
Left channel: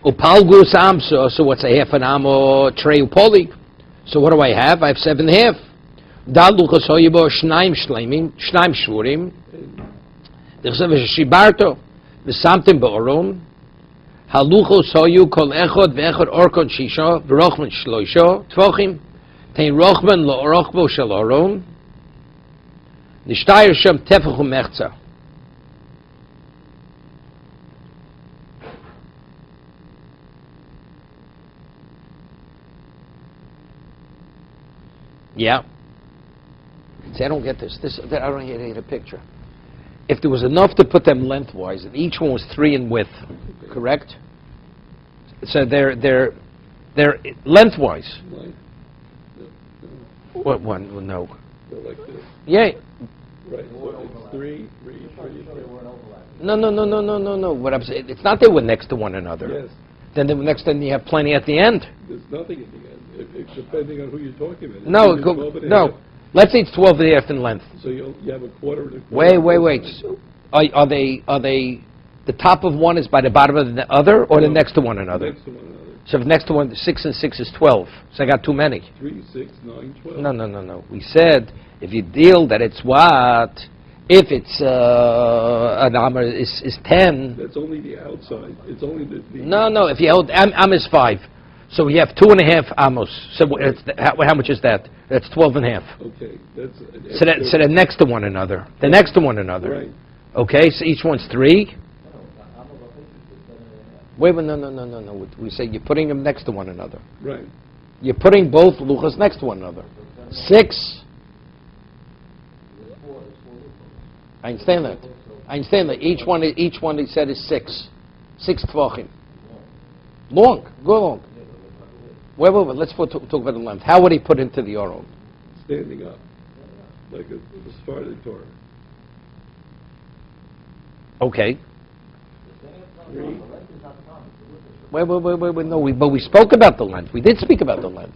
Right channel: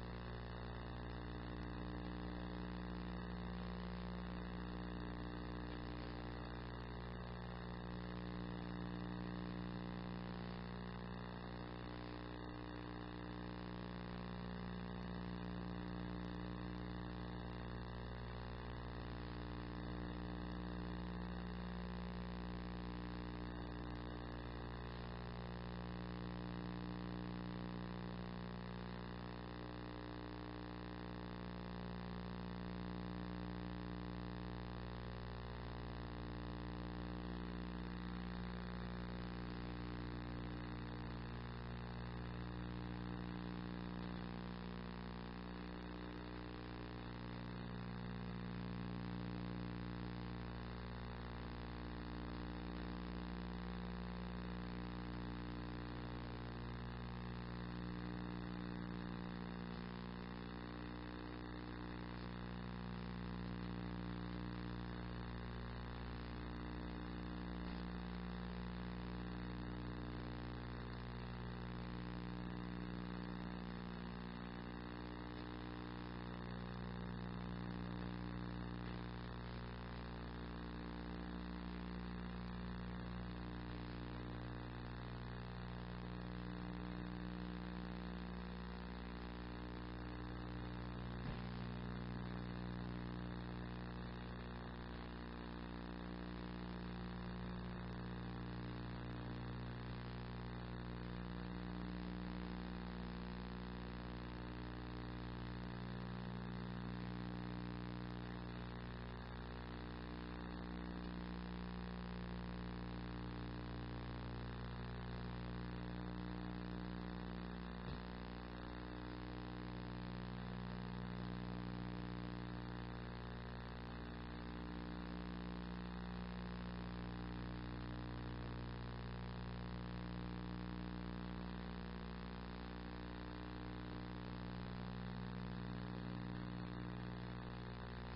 upalgus amso. So what's a half an amo trei upoli? So what do I have? I have 7.5. Da luchas hoyabo shnaim shleimim shnaim shurim. The chsiv shibarto. The samtim ba'oron, haluchos hoyu kol echod ve'echod orkon shisha v'rochman shloisha tefachim tein rochman lo rochbo shel oron nishtayr shem tefach u'mechza. Yeah. See, I don't get this. I don't get a picture. If there was enough to put them lengthwise, and each one was 3 in width, correct? So they're lengthwise. What one? Well, no. Like this. Yeah. Right. So it's 3. No. What I'm saying, it's not they were next to one another. Yes. Then the next time you have plenty at the end. There's nothing at the end. It's depending on who you're talking about. No. Let's say it's 12 and a half in length. So you have a quarter and a quarter. Wait. Are they the top of one is by the bottom of the other, or the next to one another? Next to one another. So if next to one, 6 and 6 is 12. So I got too many. 3, 6, 9, 12. No. We said if you deal that it's what? If it's an amr is 10. That's only the outside. It's only the No. If you hold am is 5. So we have 2.5 amos. So how much is that? That's 12 and a half. Okay. So they're next to one another. They're next to one another. Right. Okay, so each one's 3. Wait, no. We say you're putting them next to one another. Right. You're putting both luchas next to one another. 6 I understand that. I understand that. Each one he said is 6 tvachim. Long, go long. Wait. Let's talk about the length. How would he put into the Aron? Standing up, like a started Torah. Okay. 3. Wait. No, but we spoke about the length. We did speak about the length.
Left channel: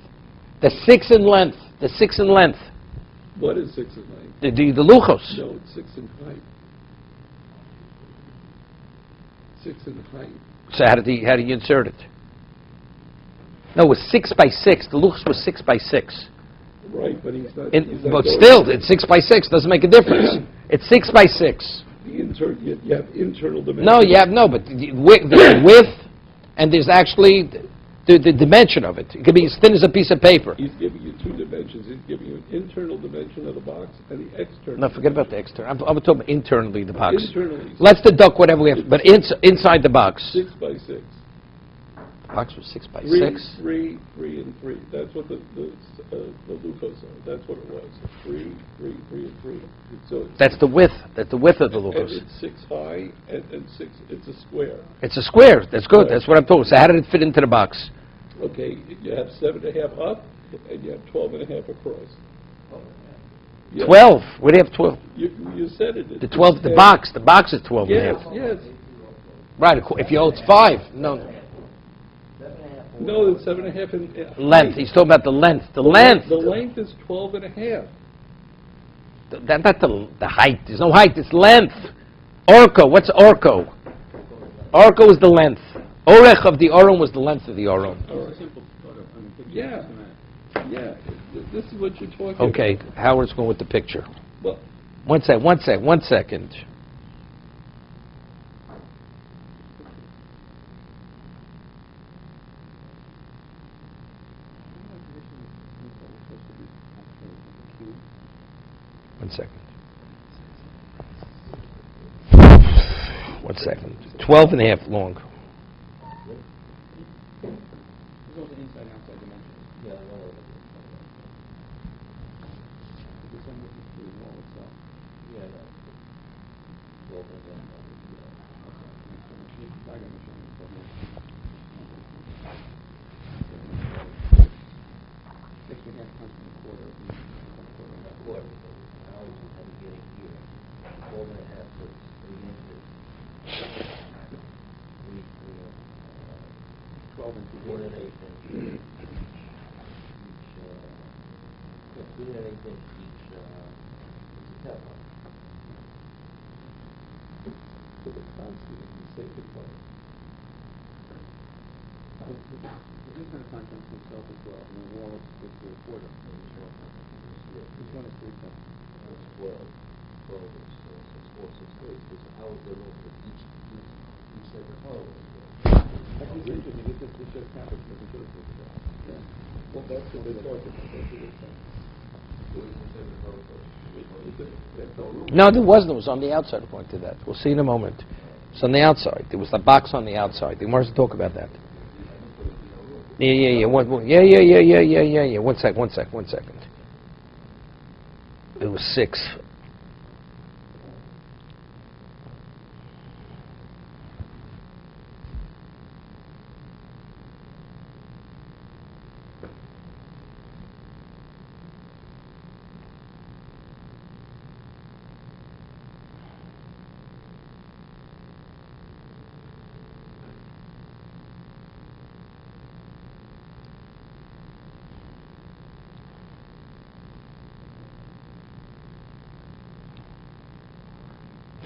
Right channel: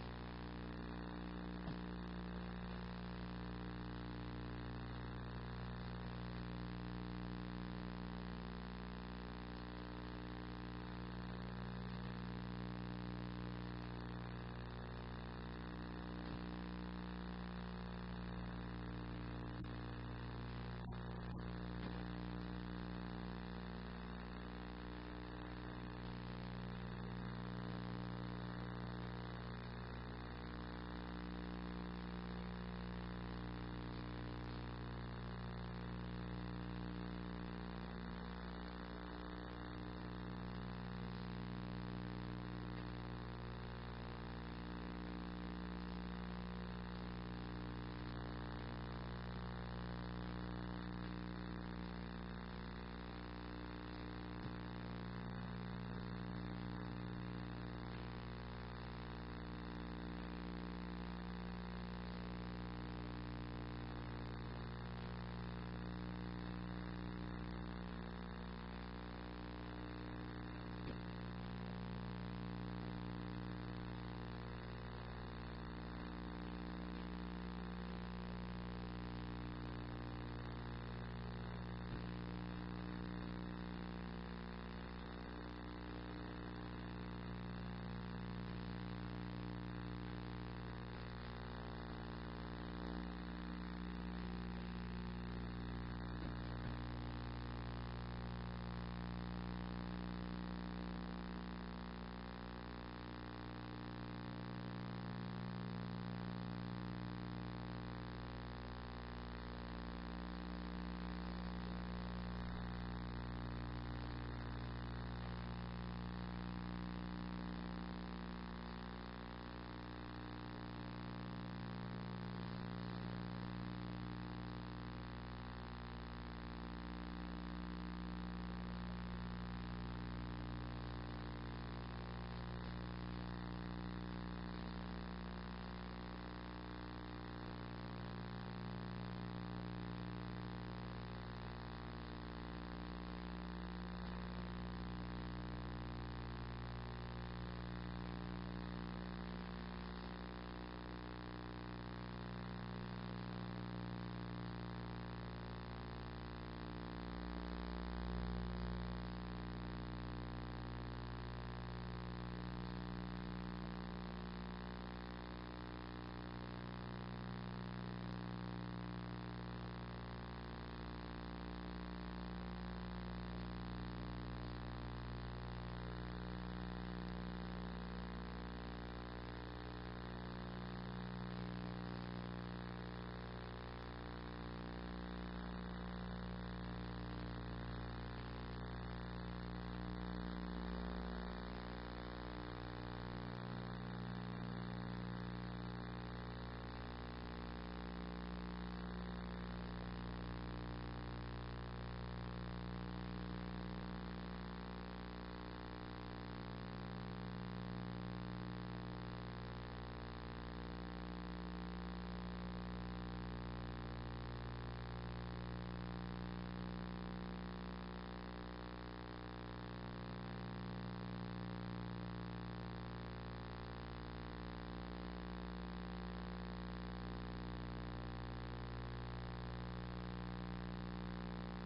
The 6 in length. The 6 in length. What is 6 in length? The luchos. No, it's 6 in height. 6 in height. So how do you insert it? No, it was 6 by 6. The luchos was 6 by 6. Right, but he's not. But still, it's 6 by 6. Doesn't make a difference. It's 6 by 6. You have internal dimensions. No, but the width, and there's actually the dimension of it. It could be as thin as a piece of paper. He's giving you 2 dimensions. He's giving you an internal dimension of the box and the external. No, forget about the external. I'm talking about internally the box. Internally. Let's deduct whatever we have, but inside the box. 6 by 6. The box was 6 by 3, 6. 3, 3, and 3. That's what the Lucas said. That's what it was. 3, 3, 3, and 3. So That's the width. That's the width of the and lucas. it's 6 high and 6. It's a square. It's a square. That's good. Right. That's what I'm talking. So how did it fit into the box? Okay, you have 7.5 up and you have 12.5 across. Yeah. 12. Where do you have 12? You said it. The 12. The box. The box is 12 and a Yes, half. yes. Right. If you it's 5. No. No, it's 7.5 in Length. height. He's talking about the length. The length. The length is 12.5. That's not the height. There's no height. It's length. Orko. What's orko? Orko is the length. Orech of the Aron was the length of the Aron. Yeah. Yeah. This is what you're talking Okay. about. Howard's going with the picture. Well, One second. One second. 12 and a half long. No, there wasn't. It was on the outside. I pointed to that. We'll see in a moment. It's on the outside. There was the box on the outside. They wanted to talk about that. Yeah. One second. It was 6.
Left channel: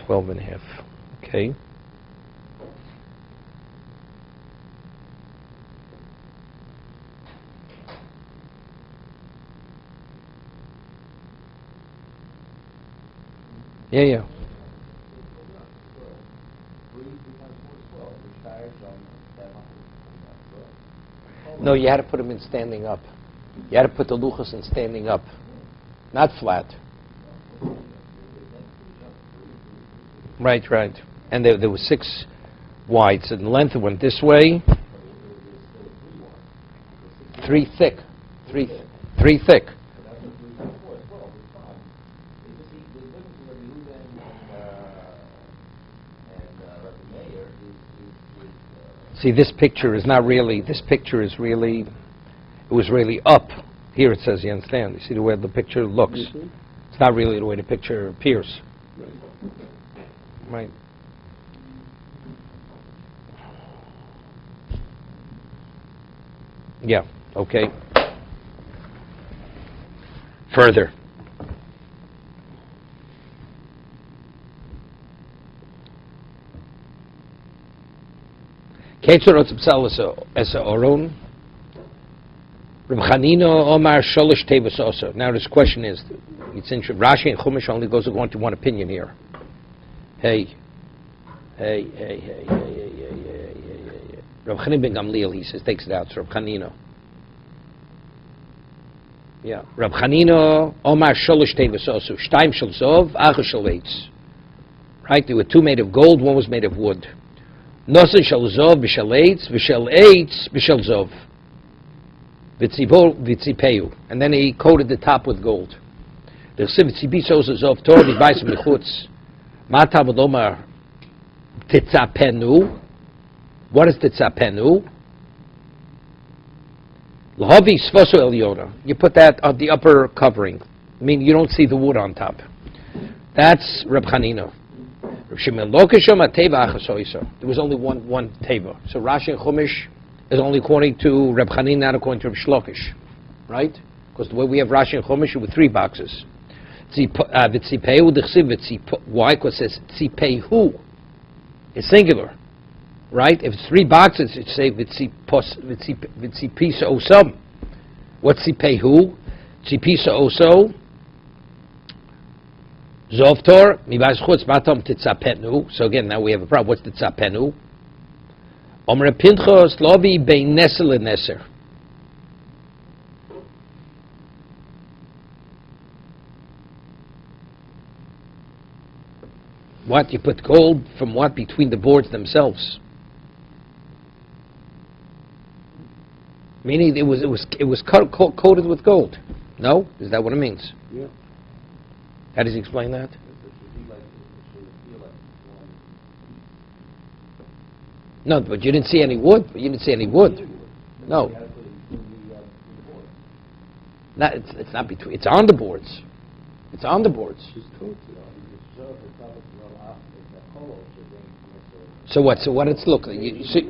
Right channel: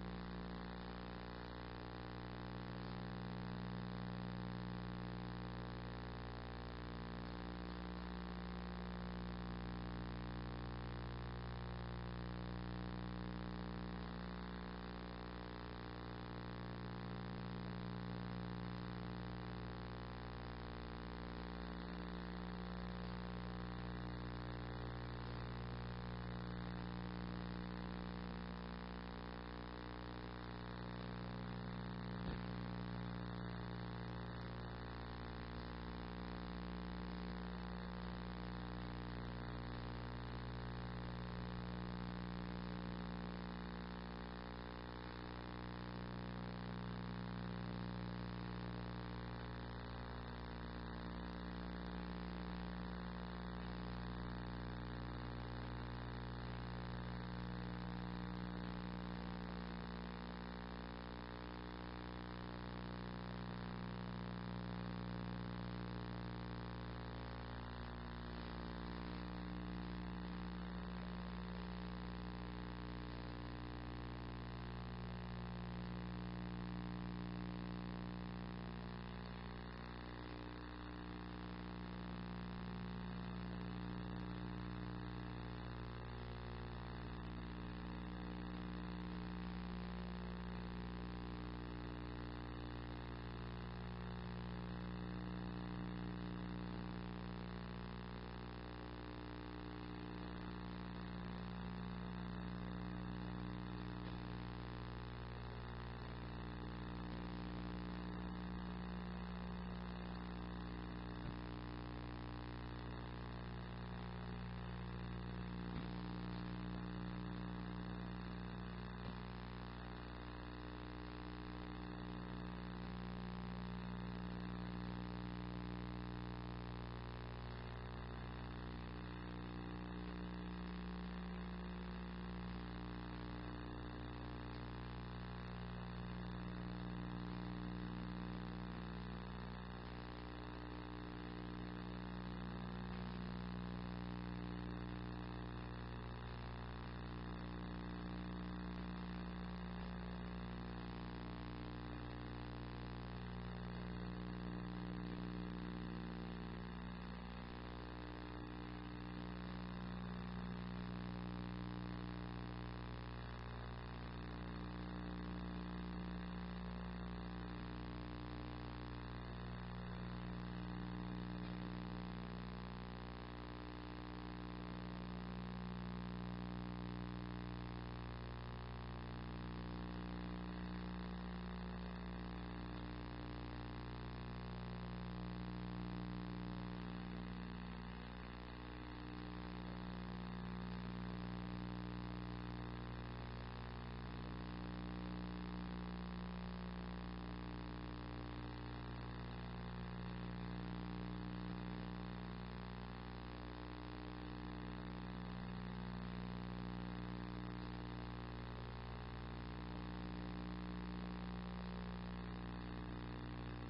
Twelve and a half. Okay. Yeah. No, you had to put them in standing up. You had to put the luchas in standing up, not flat. Right. And there were 6 wide, so the length went this way. 3 thick. 3 thick. See, this picture is not really, this picture is really, it was really up. Here it says, you understand? You see the way the picture looks. Mhm. It's not really the way the picture appears. Right. Yeah, okay. Further. Ketzor otzipsal es oron. Reb Chanino Omar Sholish Tevus also. Now this question is, it's interesting. Rashi and Chumash only goes according to one opinion here. Hey. Reb Chanino ben Gamliel, he says, takes it out. So Reb Chanino. Yeah. Reb Chanino Omar Sholish Tevus also. Shtaim shel zov, acher shel eitz. Right? There were two made of gold, one was made of wood. Nosen shel zov b'shel eitz b'shel zov. V'tzipeu. And then he coated the top with gold. The V'tzipisos zov tor v'bais mechutz. Mata v'lomar titzapenu. What is titzapenu? L'havi sfoso elyona. You put that on the upper covering. I mean, you don't see the wood on top. That's Reb Chanino. There was only one teva. So Rashi and Chumash is only according to Reb Chanina, not according to Reb Shlokish, right? Because the way we have Rashi and Chumash with three boxes. Why? Because it says tzipehu. It's singular, right? If it's three boxes, it say v'tzipisa osam. What's tzipehu? Tzipisa oso. Zovtor, mibaz chutz matam titzapenu. So again, now we have a problem. What's titzapenu? Omer Pinchos lovi bein nesel and neser. What? You put gold from what? Between the boards themselves. Meaning it was coated with gold. No? Is that what it means? Yeah. How does he explain that? No, but you didn't see any wood. You didn't see any wood. No. It's not between. It's on the boards. It's on the boards. So what? So what it's look like? You see,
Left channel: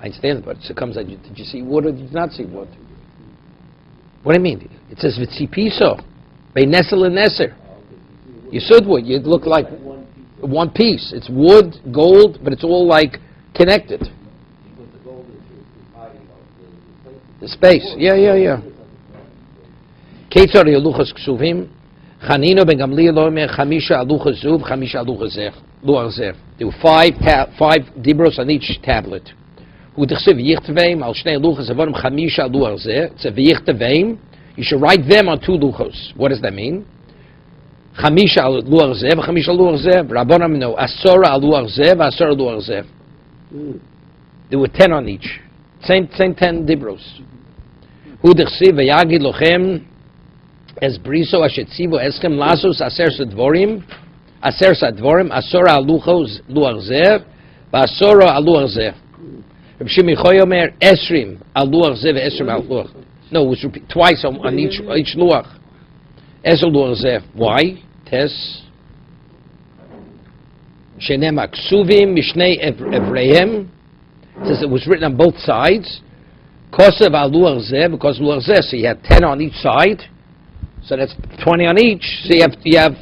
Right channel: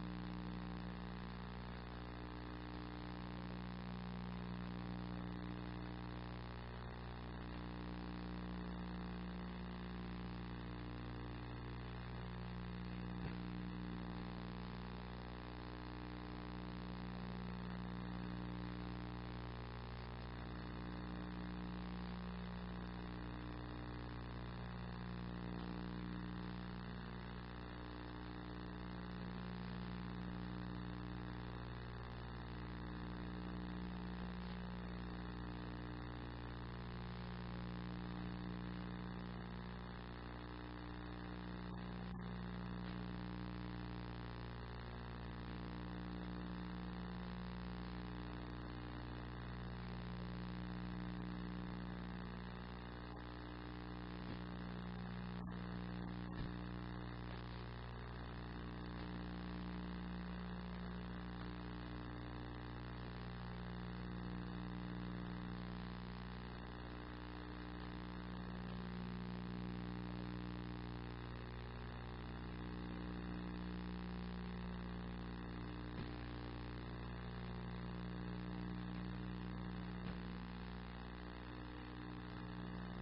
I understand, but it comes. Did you see wood or did you not see wood? What do you mean? It says v'tzipiso, beinesel and neser. You said wood. You look like one piece. It's wood, gold, but it's all like connected. The space. Yeah. Ketzar yeluchas ksuvim. Chanino ben Gamliel omer chamisha aluchas zuv, chamisha aluchas zeh. There were five dibros on each tablet. U'dechsev yichtveim al shnei aluchas avonim chamisha aluchas zeh. It's a yichtveim. You should write them on two luchos. What does that mean? Chamisha al luach zeh, chamisha al luach zeh. Rabbanam no, asora al luach zeh, asora al luach zeh. There were 10 on each. Same 10 dibros. U'dechsev v'yagi lochem es briso ashetzivo eschem lasos aser sadvorim, asora al luach zeh, asora al luach zeh. Reb Shimi Choyomer esrim al luach zeh ve'esrim al luach. No, it was repeated twice on each luach. Ezel luach zeh. Why? Tes. Shenem aksuvim mishnei evreihem. Says it was written on both sides. Kosev al luach zeh, because luach zeh. So you have 10 on each side. So that's 20 on each. So you have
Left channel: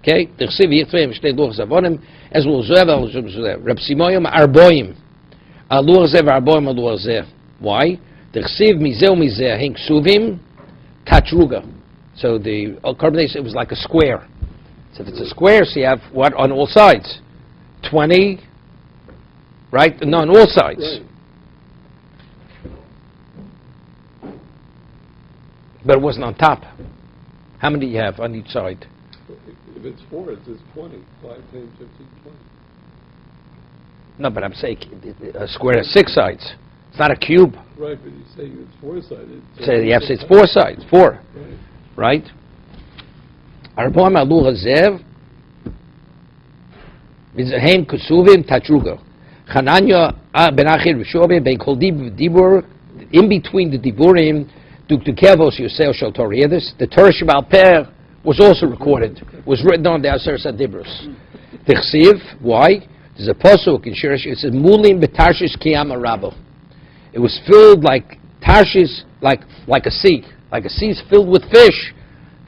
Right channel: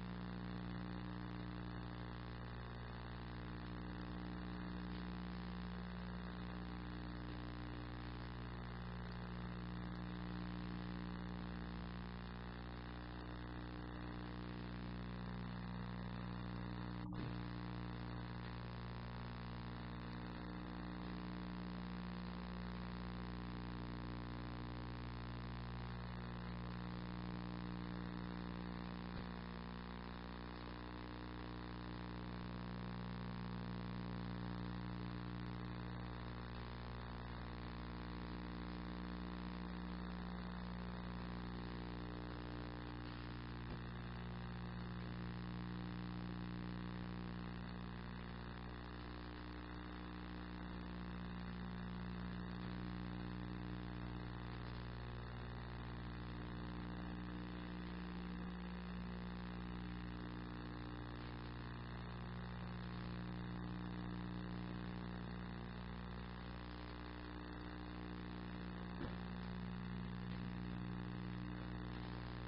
okay. T'chsiv yitzvei mishnei luach zavonim. Ezel luach zeh al luach zeh. Reb Simoyim arboim. Al luach zeh arboim al luach zeh. Why? The chsiv mizeh mizeh hink suvim tatruga. So the carbonate, it was like a square. So if it's a square, so you have what on all sides? 20, right? No, on all sides. Right. But it wasn't on top. How many do you have on each side? If it's 4, it says 20. 5, 10, 15, 20. No, but I'm saying a square has 6 sides. It's not a cube. Right, but you say it's 4-sided. So you have to say it's 4 sides. 4. Right? Arboim alu hazev mizrahem kusuvim tatruga. Chananya ben Achir Rishobe ben Kol Dibur, in between the Diburim, Duk Kevos Yosef Shel Torah. The Torah Shebal Peh was also recorded, was written on the Aser Sadibrus. Tichsiv, why? There's a pasuk in Shirish, it says, Mulim betarshis kiyama rabo. It was filled like Tarshish, like a sea. Like a sea is filled with fish.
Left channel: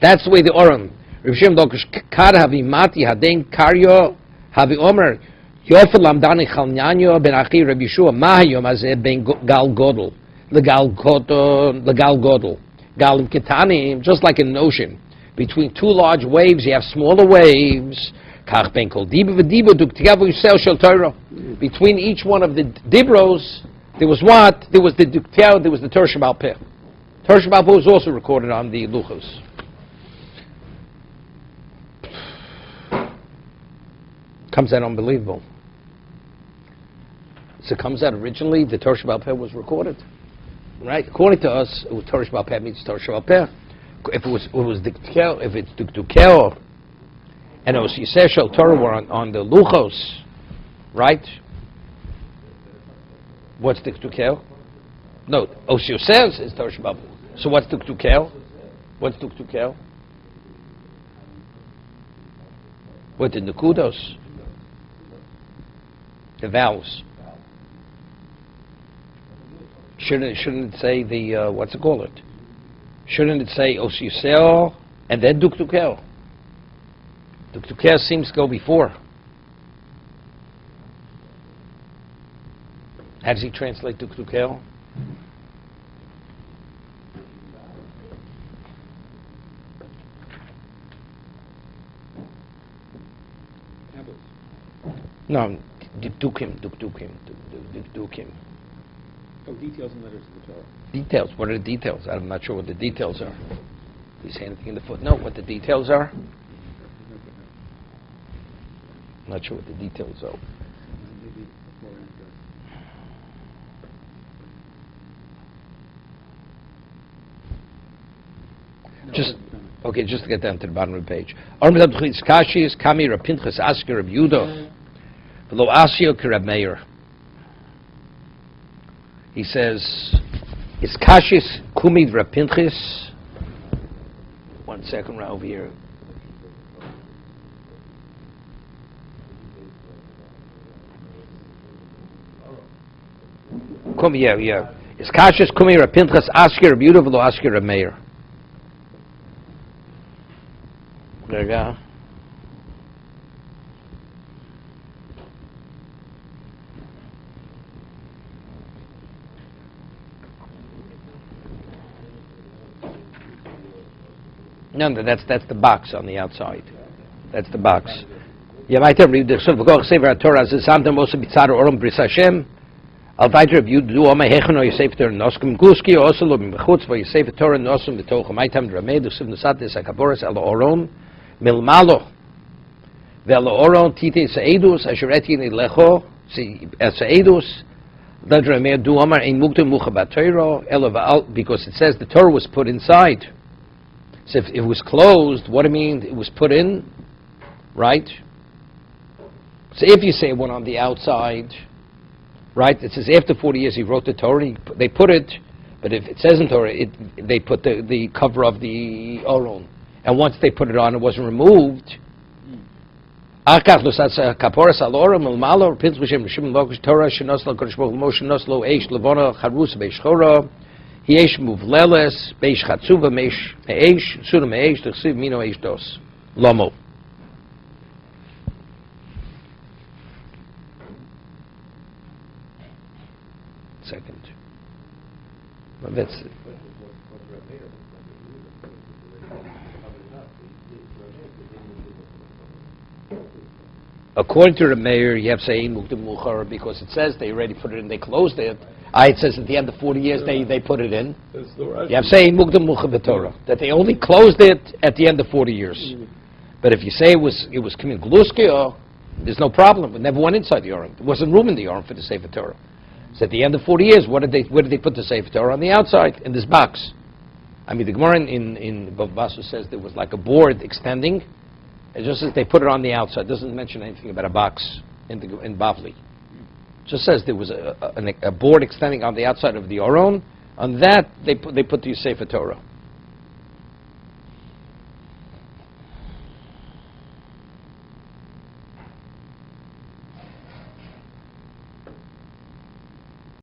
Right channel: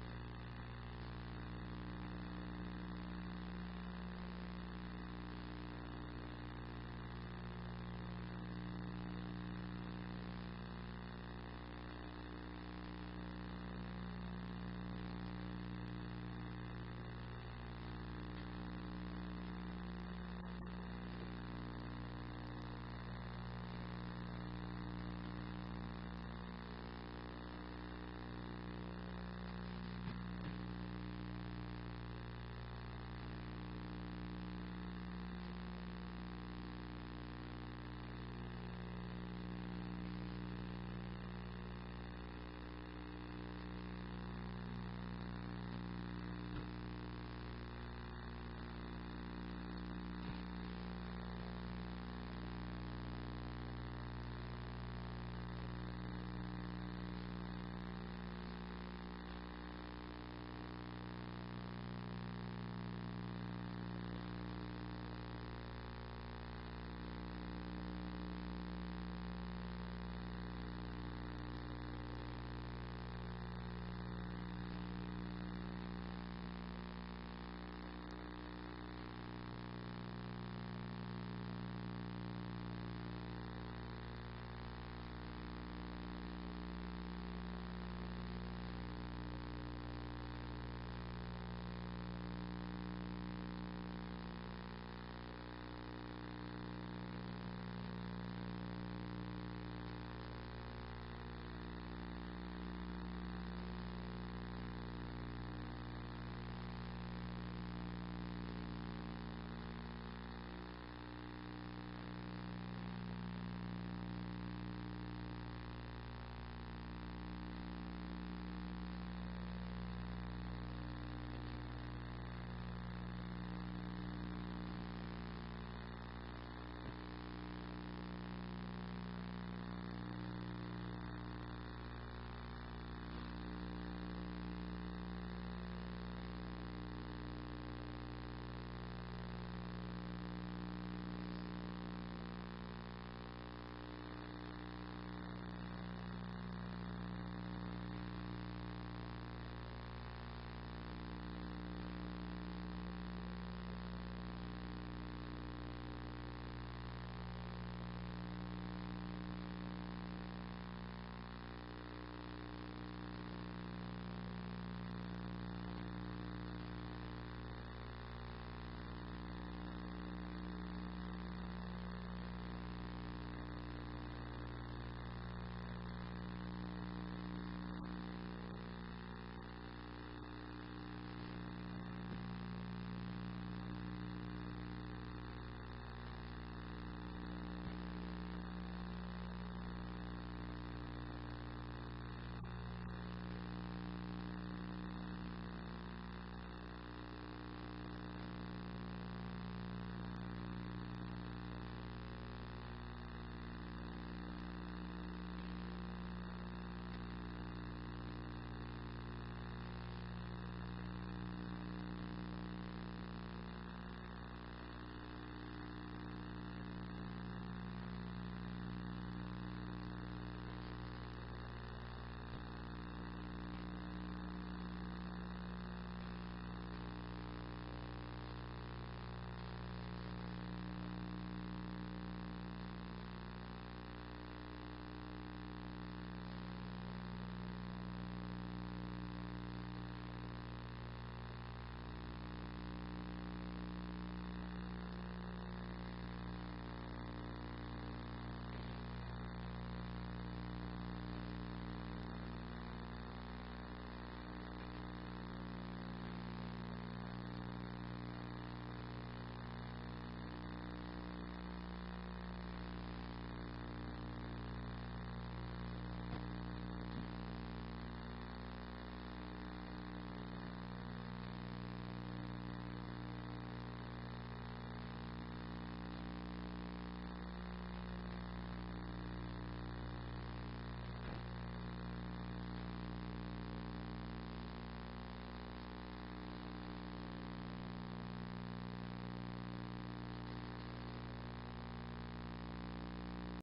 That's the way the Oram. Rav Shem Dokish Kar Havi Mati Haden Karyo Havi Omer Yofel Lamdani Chalnyanyo Ben Achi Rabbi Yeshua Mahayom Azeh Ben Gal Godel Legal Godel Galim Ketanim, just like in an ocean. Between two large waves, you have smaller waves. Kach Ben Kol Diba V'Diba Duk Tigavu Yisrael Shel Torah. Between each one of the Dibros, there was what? There was the Duktiao, there was the Torah Shebal Peh. Torah Shebal Peh was also recorded on the Luchos. Comes out unbelievable. So it comes out originally, the Torah Shebal Peh was recorded. Right? According to us, it was Torah Shebal Peh means Torah Shebal Peh. If it's Duktiao, and it was Yisrael Shel Torah were on the Luchos, right? What's Duktukel? No, Osio says is Torah Shebal Peh. So what's Duktukel? What's Duktukel? What the Nukudos? The vowels. Shouldn't it say the what's it called? Shouldn't it say Osio and then Duktukel? Duktukel seems to go before. How does he translate Duktukel? No, Dukdukim. Oh, details in letters to the Torah. Details. What are the details? I'm not sure what the details are. Did he say anything in the footnote? What the details are? I'm not sure what the details are. Just to get down to the bottom of the page. Kami Rab Pinchas Asker Rab Yudah V'lo Asio Kerab Meir. He says, "Is Kashis Kumid Rab Pinchas?" 1 second, right over here. Yeah. Is Kashis Kumid Rab Pinchas Asker Rab Yudah V'lo Asker Rab Meir? There you go. No, that's the box on the outside. That's the box. Yeah, weiter read the Suffolk Sefer Torah as something also bitzar oram bris Hashem. Al weiter you do all my hechno Yosef Torah noskum guski also lo b'chutz vo Yosef Torah nosum b'toch maitam dramed usim nusat es akaboras al oron milmalo vel oron tite seidus ashereti ni lecho si seidus the dramed do amar ein muktem muchabat Torah elav, because it says the Torah was put inside. So if it was closed, what do you mean? It was put in, right? So if you say one on the outside, right? It says after 40 years he wrote the Torah. They put it, but if it says in Torah, they put the cover of the Oron. And once they put it on, it wasn't removed. Yesh muvleles beish chatzuva meish eish sura meish t'chsiv mino eish dos lomo. Second. Well, that's it. According to the mayor, you have to say muktim muchar because it says they already put it in. They closed it. It says at the end of 40 years they put it in. You have saying mukdam mucha b'Torah that they only closed it at the end of 40 years. But if you say it was coming gluski, there's no problem. It never went inside the Aron. There wasn't room in the Aron for the Sefer Torah. So at the end of 40 years, where did they put the Sefer Torah? On the outside in this box. I mean, the Gemara in Bavasu says there was like a board extending. It just says they put it on the outside. It doesn't mention anything about a box in Bavli. Just says there was a board extending on the outside of the Aron. On that, they put the Sefer Torah.